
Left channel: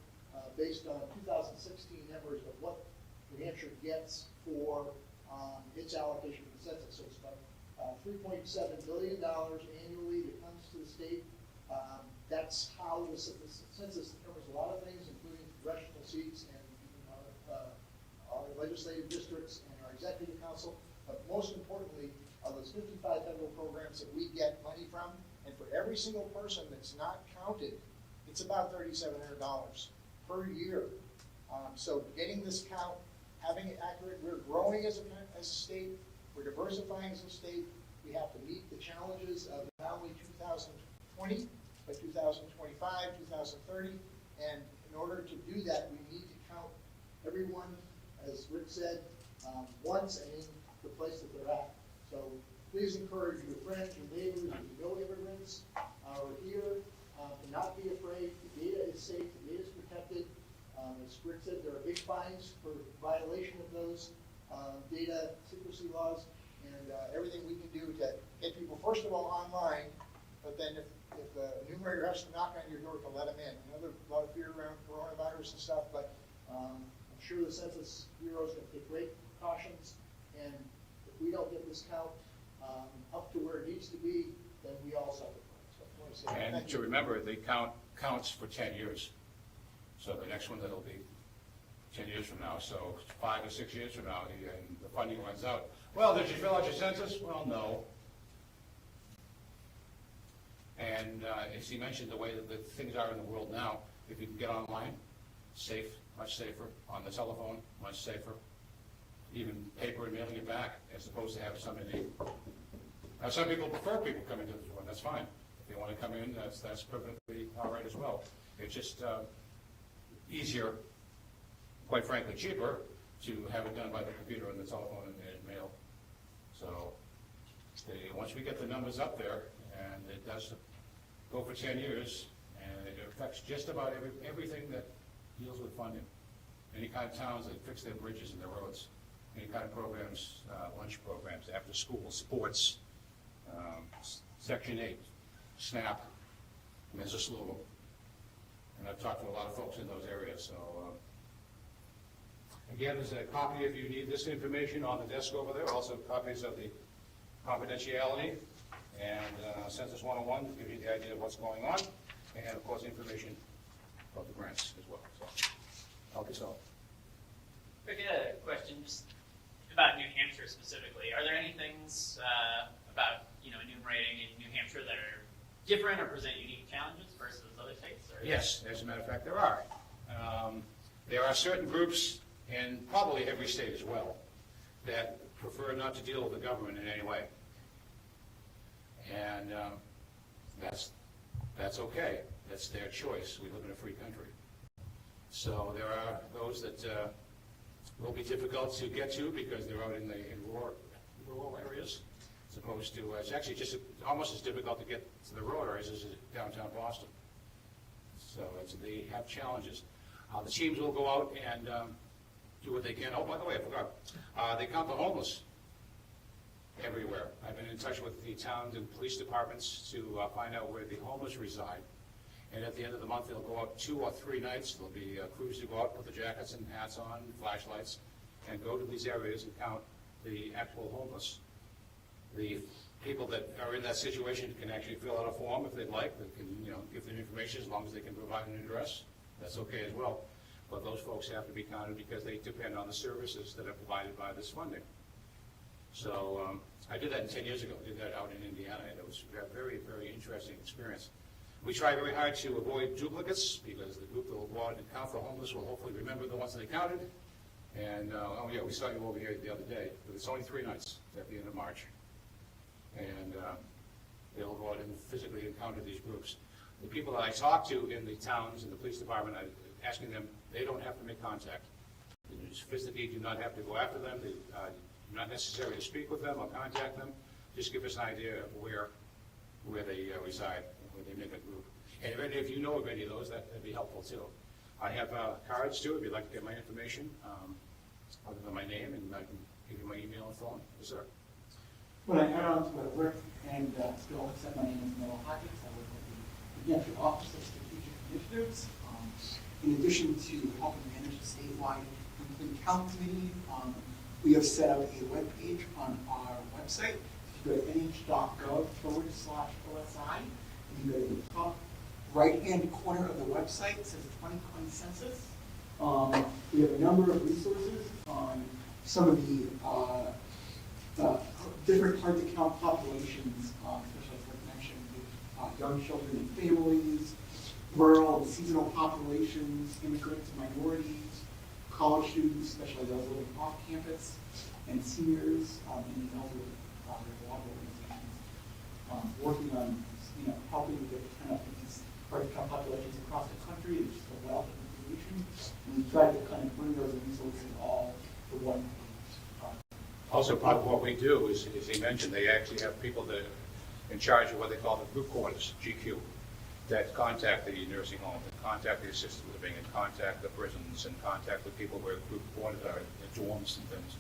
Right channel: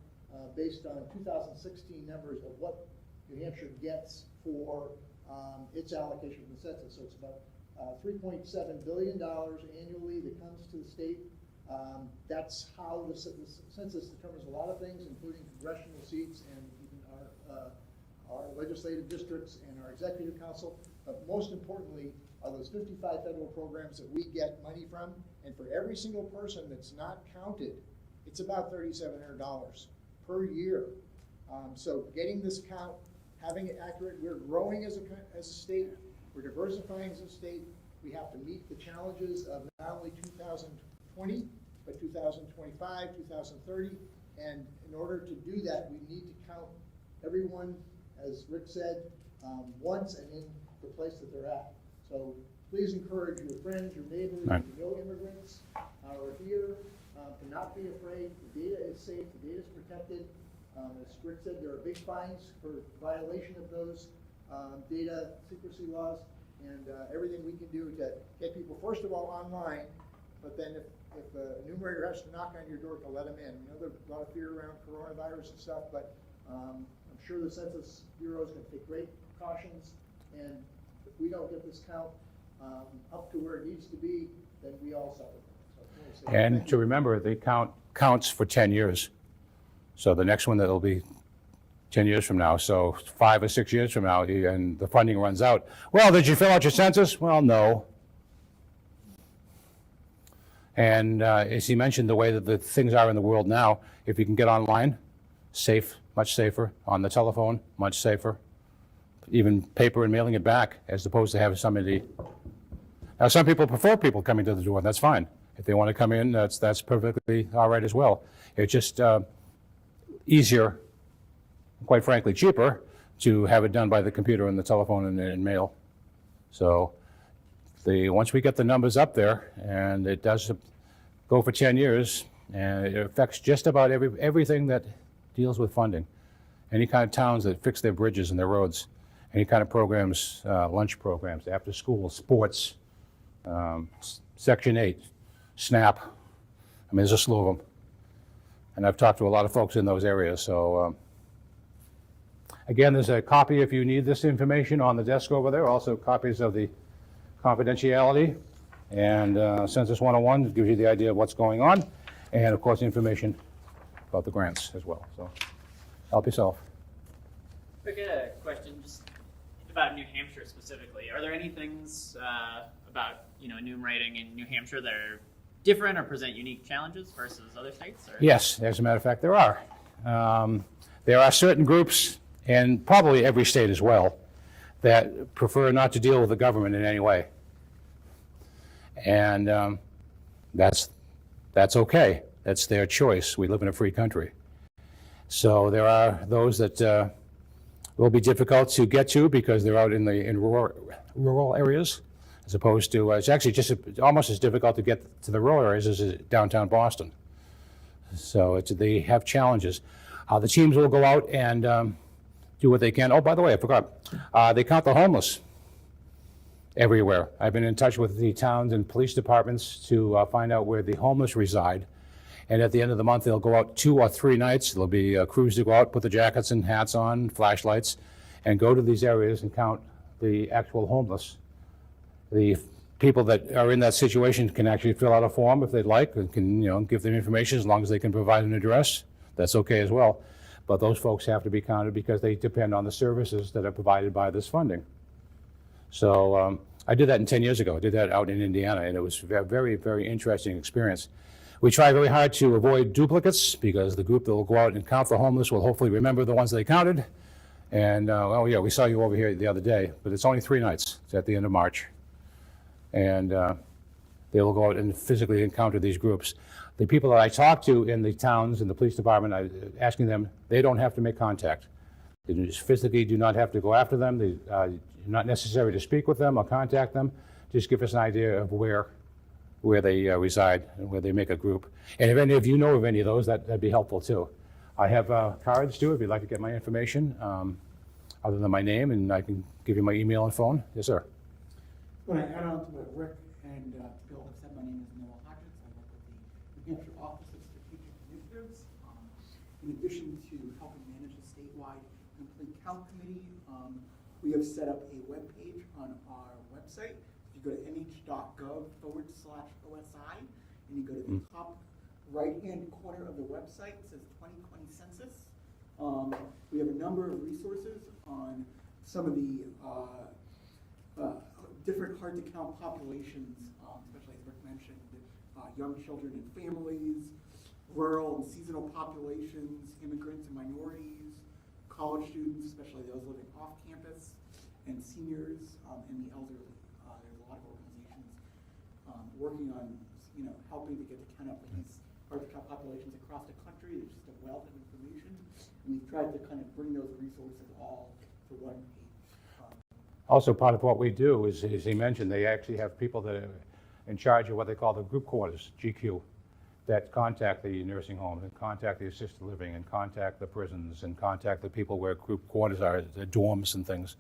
based on 2016 numbers of what New Hampshire gets for its allocation from the census. So it's about $3.7 billion annually that comes to the state. That's how the census determines a lot of things, including congressional seats and even our legislative districts and our executive council. But most importantly, are those 55 federal programs that we get money from. And for every single person that's not counted, it's about $3,700 per year. So getting this count, having it accurate, we're growing as a state, we're diversifying as a state. We have to meet the challenges of not only 2020, but 2025, 2030. And in order to do that, we need to count everyone, as Rick said, once and in the place that they're at. So please encourage your friends, your neighbors, right. who know immigrants are here, to not be afraid. The data is safe, the data is protected. As Rick said, there are big fines for violation of those data secrecy laws, and everything we can do to get people, first of all, online, but then if the enumerator has to knock on your door to let them in. I know there's a lot of fear around coronavirus and stuff, but I'm sure the Census Bureau is going to take great precautions, and if we don't get this count up to where it needs to be, then we all suffer. So, And to remember, the count counts for 10 years. So the next one that'll be 10 years from now. So 5 or 6 years from now, and the funding runs out. Well, did you fill out your census? Well, no. And as he mentioned, the way that the things are in the world now, if you can get online, safe, much safer. On the telephone, much safer. Even paper and mailing it back, as opposed to having somebody. Now, some people prefer people coming to the door. That's fine. If they want to come in, that's perfectly all right as well. It's just easier, quite frankly, cheaper to have it done by the computer and the telephone and mail. So once we get the numbers up there, and it does go for 10 years, and it affects just about everything that deals with funding. Any kind of towns that fix their bridges and their roads, any kind of programs, lunch programs, after school, sports, Section 8, SNAP. I mean, there's a slew of them. And I've talked to a lot of folks in those areas. So again, there's a copy if you need this information on the desk over there. Also copies of the confidentiality and Census 101 gives you the idea of what's going on. And of course, information about the grants as well. So help yourself. I get a question just about New Hampshire specifically. Are there any things about enumerating in New Hampshire that are different or present unique challenges versus other states? Or? Yes, as a matter of fact, there are. There are certain groups, and probably every state as well, that prefer not to deal with the government in any way. And that's okay. That's their choice. We live in a free country. So there are those that will be difficult to get to because they're out in rural areas, as opposed to, it's actually just almost as difficult to get to the rural areas as downtown Boston. So they have challenges. The teams will go out and do what they can. Oh, by the way, I forgot. They count the homeless everywhere. I've been in touch with the towns and police departments to find out where the homeless reside. And at the end of the month, they'll go out 2 or 3 nights. There'll be crews to go out, put the jackets and hats on, flashlights, and go to these areas and count the actual homeless. The people that are in that situation can actually fill out a form if they'd like, and can give them information as long as they can provide an address. That's okay as well. But those folks have to be counted because they depend on the services that are provided by this funding. So I did that 10 years ago. I did that out in Indiana, and it was a very, very interesting experience. We try very hard to avoid duplicates because the group that will go out and count the homeless will hopefully remember the ones they counted. And, oh yeah, we saw you over here the other day, but it's only 3 nights. It's at the end of March. And they will go out and physically encounter these groups. The people that I talk to in the towns and the police department, I'm asking them, they don't have to make contact. They just physically do not have to go after them. They not necessary to speak with them or contact them. Just give us an idea of where where they reside and where they make a group. And if any of you know of any of those, that'd be helpful too. I have cards too, if you'd like to get my information, other than my name, and I can give you my email and phone. Yes, sir. When I add on to what Rick and Bill said, my name is Noah Hodges. I work with the New Hampshire Office of Strategic Initiatives. In addition to helping manage the statewide Complete Count Committee, we have set up a webpage on our website. If you go to nh.gov/OSI, and you go to the top right-hand corner of the website, it says 2020 Census. We have a number of resources on some of the different hard-to-count populations, especially as I mentioned, young children and families, rural and seasonal populations, immigrants and minorities, college students, especially those living off campus, and seniors, and the elderly. There's a lot of organizations working on, helping to get the count of these hard-to-count populations across the country. There's just a wealth of information, and we try to kind of bring those resources all to one page. Also, part of what we do is, as he mentioned, they actually have people that are in charge of what they call the group quarters, GQ, that contact the nursing home, and contact the assisted living, and contact the prisons, and contact the people where group quarters are, the dorms and things.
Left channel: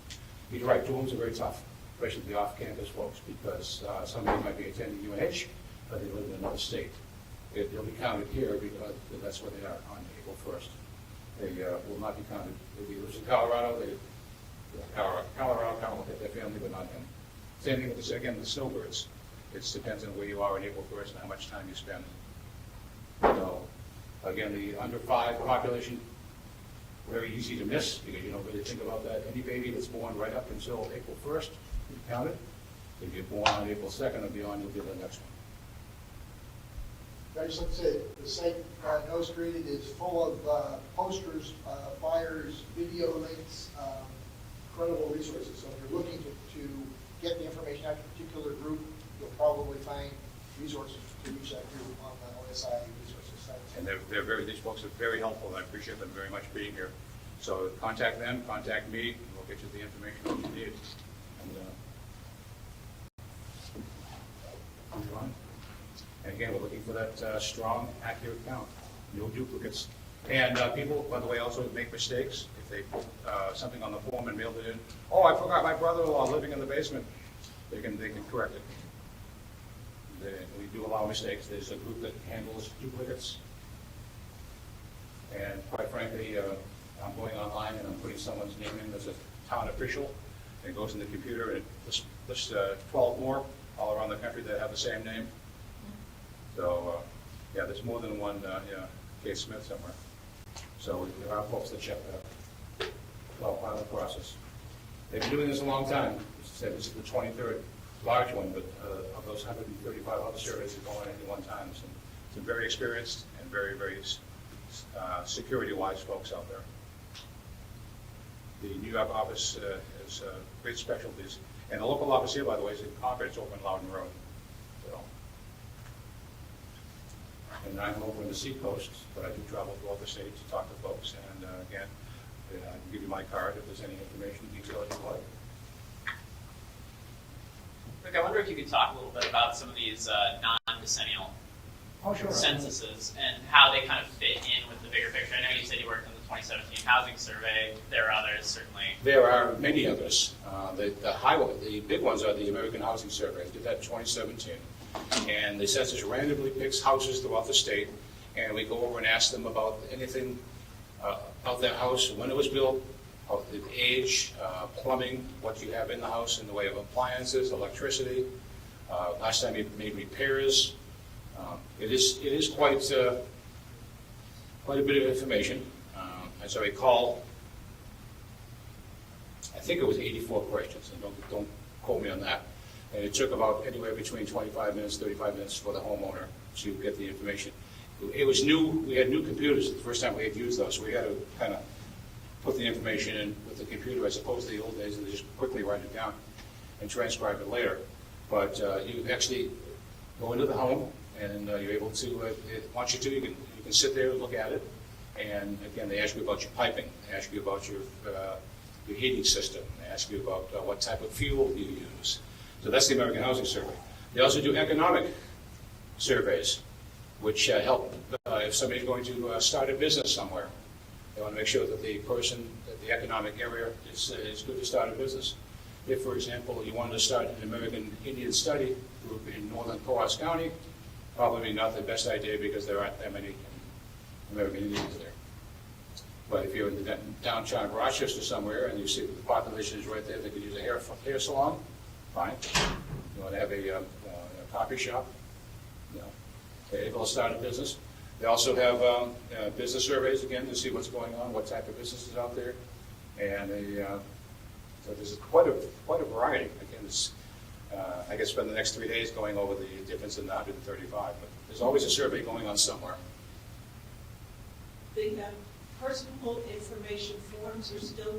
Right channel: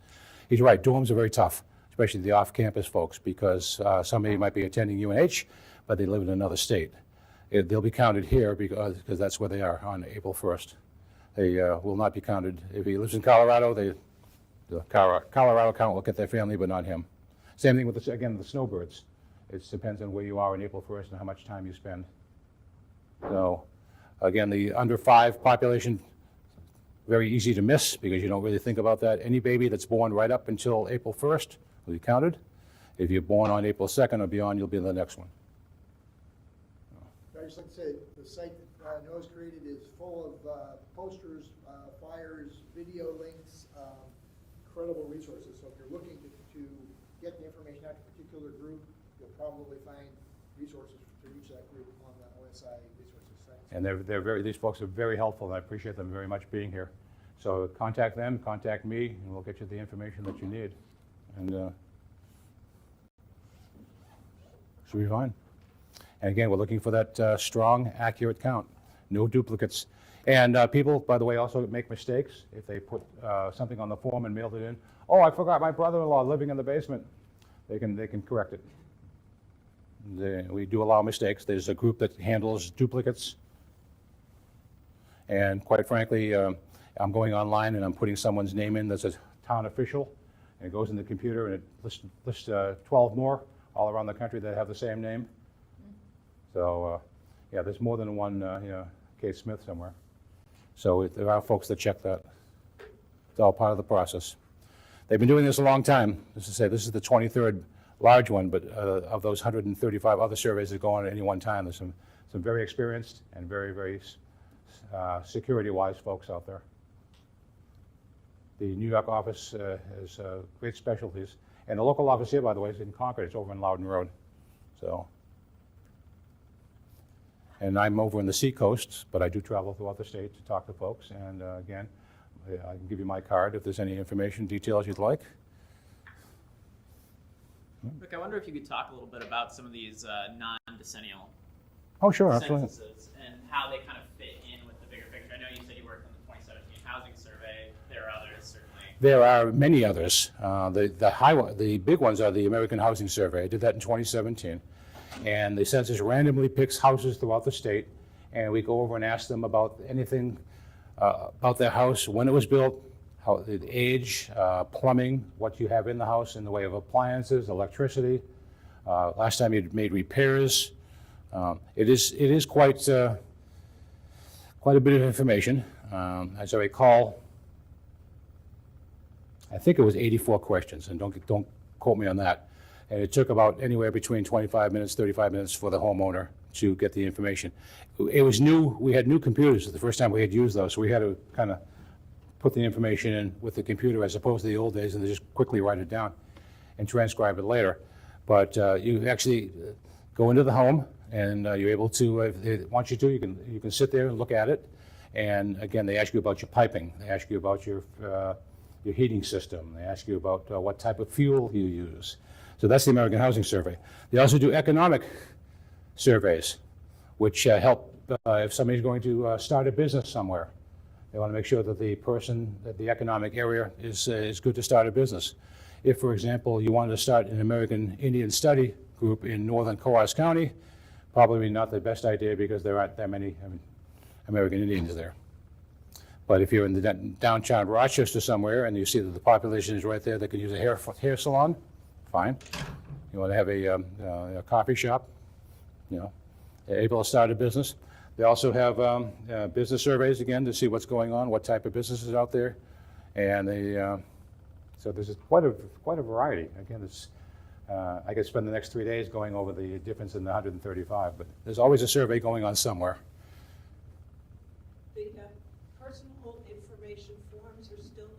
He's right, dorms are very tough, especially the off-campus folks, because somebody might be attending UNH, but they live in another state. They'll be counted here because that's where they are on April 1st. They will not be counted. If he lives in Colorado, the Colorado count will get their family, but not him. Same thing with, the snowbirds. It depends on where you are on April 1st and how much time you spend. So, again, the under 5 population, very easy to miss because you don't really think about that. Any baby that's born right up until April 1st will be counted. If you're born on April 2nd or beyond, you'll be the next one. I just like to say, the site Nostrated is full of posters, flyers, video links, incredible resources. So if you're looking to get the information out to a particular group, you'll probably find resources to reach that group on the OSI resources site. And these folks are very helpful, and I appreciate them very much being here. So contact them, contact me, and we'll get you the information that you need. And should be fine. And again, we're looking for that strong, accurate count, no duplicates. And people, by the way, also make mistakes. If they put something on the form and mailed it in, oh, I forgot my brother-in-law living in the basement, they can correct it. We do allow mistakes. There's a group that handles duplicates. And quite frankly, I'm going online and I'm putting someone's name in that's a town official. And it goes in the computer and it lists 12 more all around the country that have the same name. So, yeah, there's more than one Kate Smith somewhere. So there are folks that check that. It's all part of the process. They've been doing this a long time. As I say, this is the 23rd large one, but of those 135 other surveys that go on at any one time, there's some very experienced and very, very security-wise folks out there. The New York office has great specialties. And the local office here, by the way, is in Concord. It's over in Loudon Road. So. And I'm over in the Seacoast, but I do travel throughout the state to talk to folks. And again, I can give you my card if there's any information, details you'd like. Rick, I wonder if you could talk a little bit about some of these non-decennial Oh, sure. censuses and how they kind of fit in with the bigger picture. I know you said you worked in the 2017 housing survey. There are others, certainly. There are many others. The big ones are the American Housing Survey. I did that in 2017. And the census randomly picks houses throughout the state, and we go over and ask them about anything about their house, when it was built, how the age, plumbing, what you have in the house in the way of appliances, electricity, last time you made repairs. It is quite a bit of information. As I recall, I think it was 84 questions, and don't quote me on that. And it took about anywhere between 25 minutes, 35 minutes for the homeowner to get the information. It was new. We had new computers the first time we had used those, so we had to kind of put the information in with the computer as opposed to the old days and just quickly write it down and transcribe it later. But you actually go into the home and you're able to, if they want you to, you can sit there and look at it. And again, they ask you about your piping. They ask you about your heating system. They ask you about what type of fuel you use. So that's the American Housing Survey. They also do economic surveys, which help if somebody's going to start a business somewhere. They want to make sure that the economic area is good to start a business. If, for example, you wanted to start an American Indian study group in northern Coas County, probably not the best idea because there aren't that many American Indians there. But if you're in the downtown Rochester somewhere and you see that the population is right there, they could use a hair salon, fine. You want to have a coffee shop, they're able to start a business. They also have business surveys, again, to see what's going on, what type of business is out there. And so there's quite a variety. Again, it's, I could spend the next 3 days going over the difference in the 135, but there's always a survey going on somewhere. The personal information forms are still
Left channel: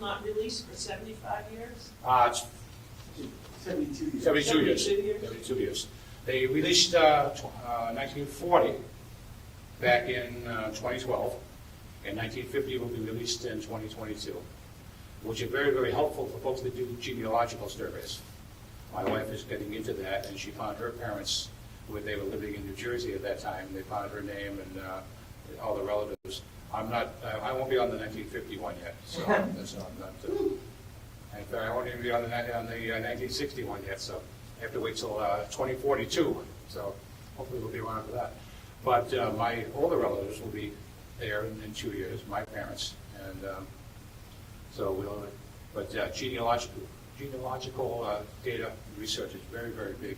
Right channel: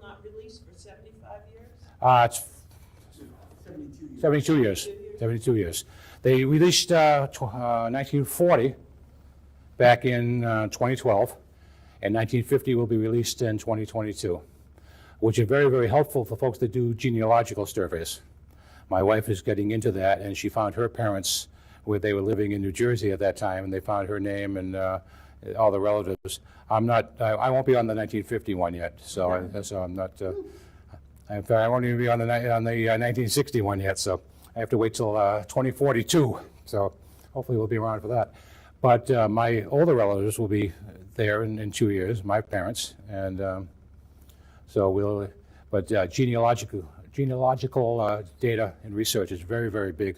not released for 75 years? It's 72 years. 72 years. 72 years. They released 1940 back in 2012, and 1950 will be released in 2022, which are very, very helpful for folks that do genealogical surveys. My wife is getting into that, and she found her parents where they were living in New Jersey at that time. They found her name and all the relatives. I won't be on the 1951 yet, so I'm not. In fact, I won't even be on the 1961 yet, so I have to wait till 2042. So hopefully we'll be around for that. But my older relatives will be there in 2 years, my parents, and so we'll. But genealogical data and research is very, very big.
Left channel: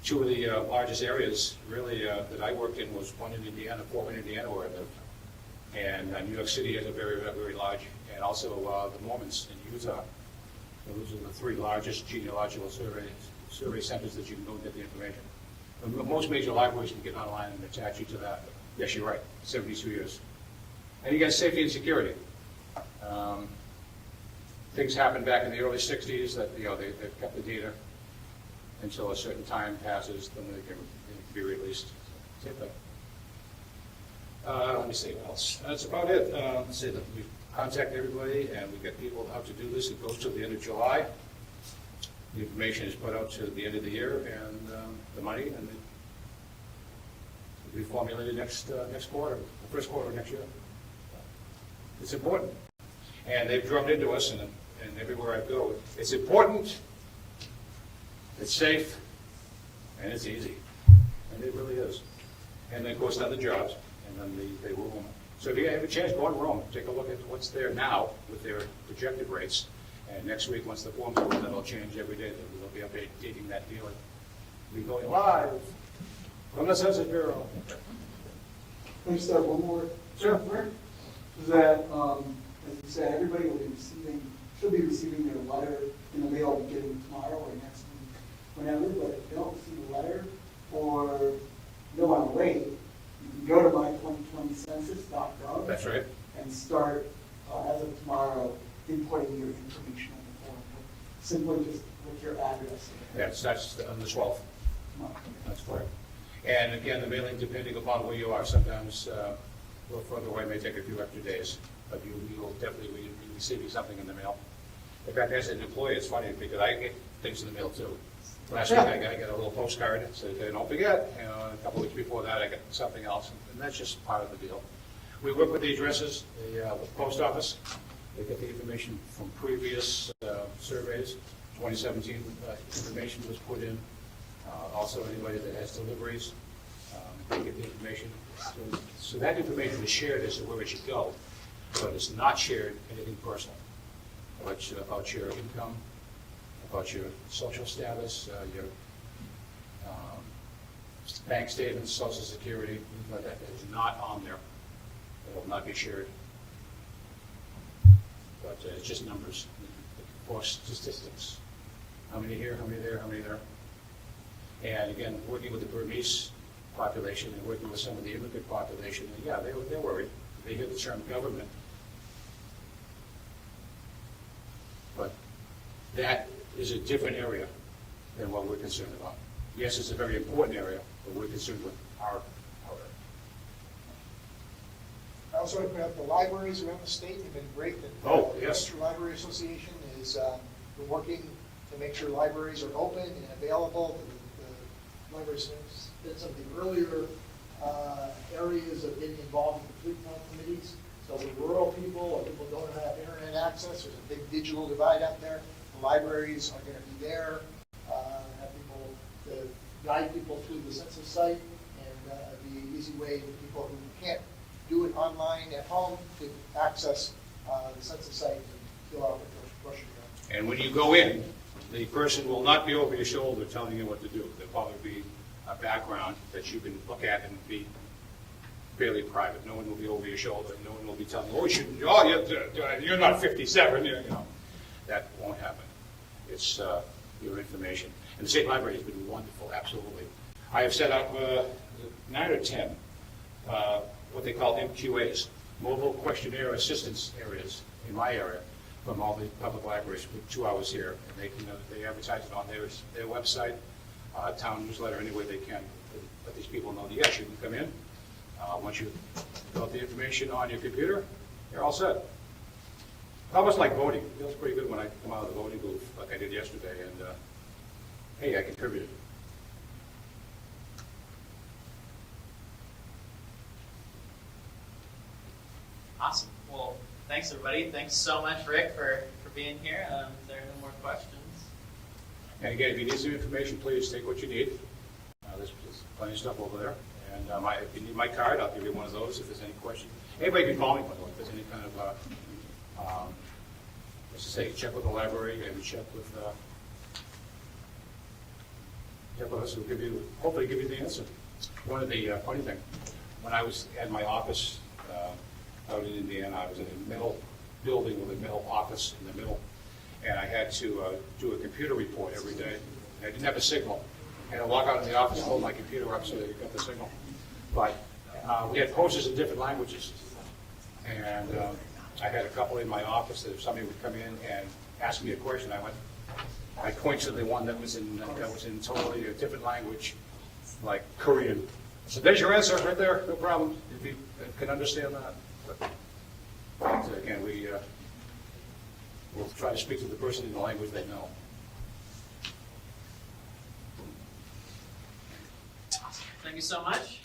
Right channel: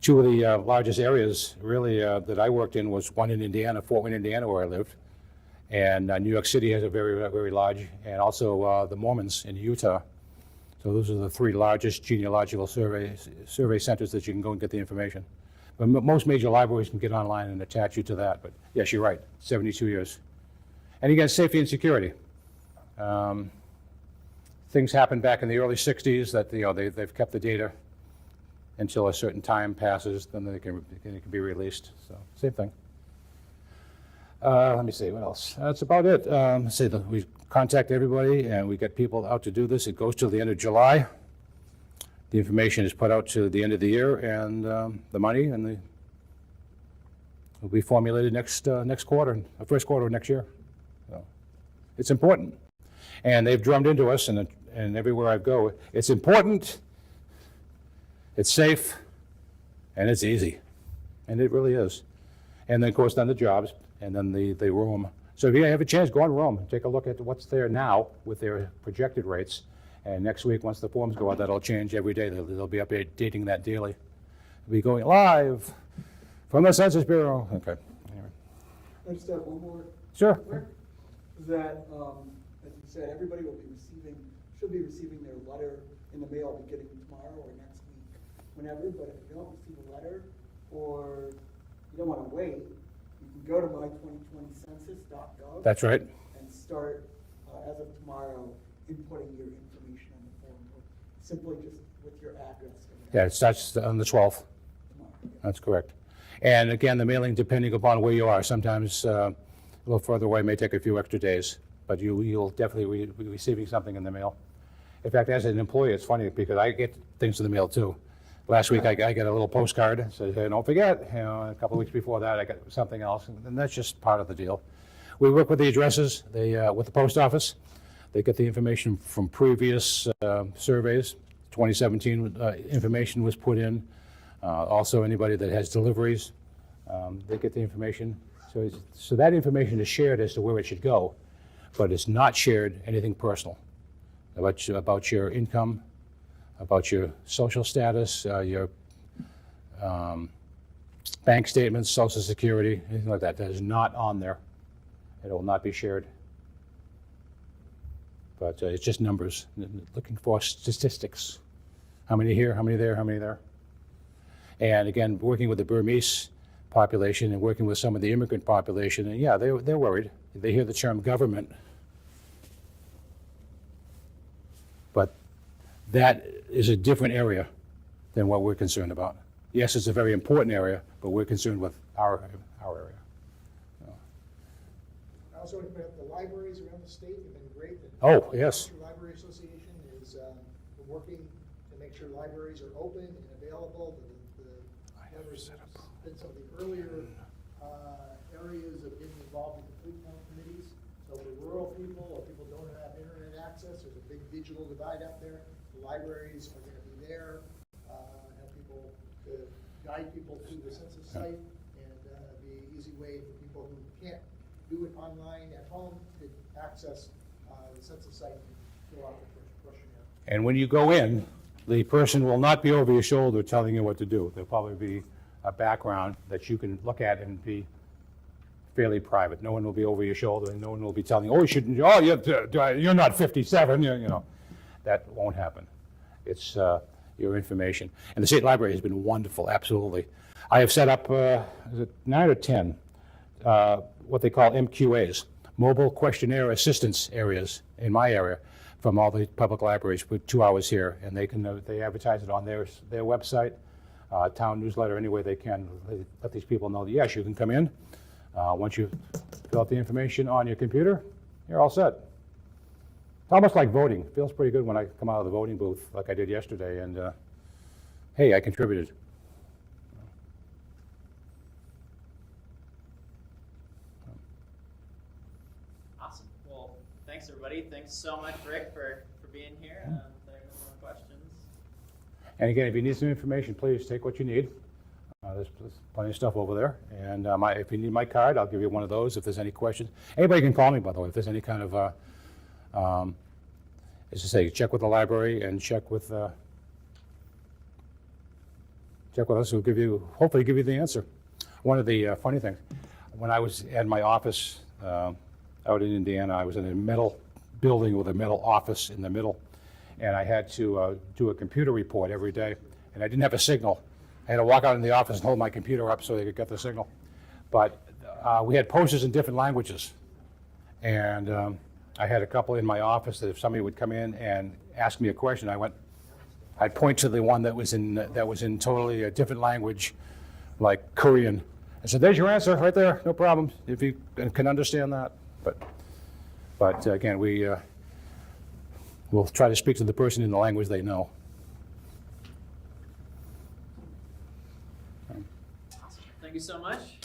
Two of the largest areas really that I worked in was one in Indiana, Fort Wayne, Indiana, where I lived, and New York City has a very, very large, and also the Mormons in Utah. So those are the three largest genealogical survey centers that you can go and get the information. But most major libraries can get online and attach you to that. But yes, you're right, 72 years. And again, safety and security. Things happened back in the early 60s that they've kept the data until a certain time passes, then they can be released. So same thing. Let me see, what else? That's about it. Let's see, we contact everybody and we get people out to do this. It goes till the end of July. The information is put out to the end of the year, and the money will be formulated next quarter, the first quarter of next year. So it's important. And they've drummed into us, and everywhere I go, it's important, it's safe, and it's easy. And it really is. And then, of course, then the jobs, and then the room. So if you have a chance, go on Rome, take a look at what's there now with their projected rates. And next week, once the forms go out, that'll change every day. They'll be updating that daily. We'll be going live from the Census Bureau. Okay. Can I just have one more? Sure. Is that, as you said, everybody will be should be receiving their letter in the mail beginning tomorrow or next week, whenever, but if you don't receive a letter or you don't want to wait, you can go to my2020census.gov. That's right. And start, as of tomorrow, inputting your information on the form. Simply just with your address. Yeah, it starts on the 12th. That's correct. And again, the mailing, depending upon where you are, sometimes a little further away may take a few extra days, but you'll definitely be receiving something in the mail. In fact, as an employee, it's funny because I get things in the mail too. Last week, I got a little postcard that said, don't forget, a couple of weeks before that, I got something else, and that's just part of the deal. We work with the addresses, with the post office. They get the information from previous surveys. 2017 information was put in. Also, anybody that has deliveries, they get the information. So that information is shared as to where it should go, but it's not shared anything personal about your income, about your social status, your bank statements, Social Security, anything like that. That is not on there. It will not be shared. But it's just numbers, looking for statistics. How many here, how many there, how many there? And again, working with the Burmese population and working with some of the immigrant population, and yeah, they're worried. They hear the term government. But that is a different area than what we're concerned about. Yes, it's a very important area, but we're concerned with our area. I also want to put up the libraries around the state have been great. Oh, The yes. Hampshire Library Association is been working to make sure libraries are open and available. The library said something earlier, areas of getting involved in the fleet plan committees. So the rural people or people who don't have internet access, there's a big digital divide out there. The libraries are gonna be there, have people to guide people to the census site and be an easy way for people who can't do it online at home to access the census site and fill out the questionnaire. And when you go in, the person will not be over your shoulder telling you what to do. There'll probably be a background that you can look at and be fairly private. No one will be over your shoulder, and no one will be telling you, oh, you shouldn't, oh, you're not 57, you know. That won't happen. It's your information. And the state library has been wonderful, absolutely. I have set up 9 or 10 what they call MQAs, mobile questionnaire assistance areas in my area from all the public libraries with 2 hours here, and they advertise it on their website, town newsletter, any way they can. Let these people know that yes, you can come in. Once you fill out the information on your computer, you're all set. It's almost like voting. Feels pretty good when I come out of the voting booth like I did yesterday, and hey, I contributed. Awesome. Well, thanks everybody. Thanks so much, Rick, for being here. If there are no more questions. And again, if you need some information, please take what you need. There's plenty of stuff over there. And if you need my card, I'll give you one of those if there's any questions. Anybody can call me, by the way, if there's any kind of, as I say, check with the library and check with us. Who'll hopefully give you the answer. One of the funny thing, when I was at my office out in Indiana, I was in a metal building with a metal office in the middle, and I had to do a computer report every day, and I didn't have a signal. I had to walk out in the office and hold my computer up so they could get the signal. But we had posters in different languages, and I had a couple in my office that if somebody would come in and ask me a question, I'd point to the one that was in totally a different language, like Korean. I said, "There's your answer right there, no problem, if you can understand that." But again, we'll try to speak to the person in the language they know. Thank you so much.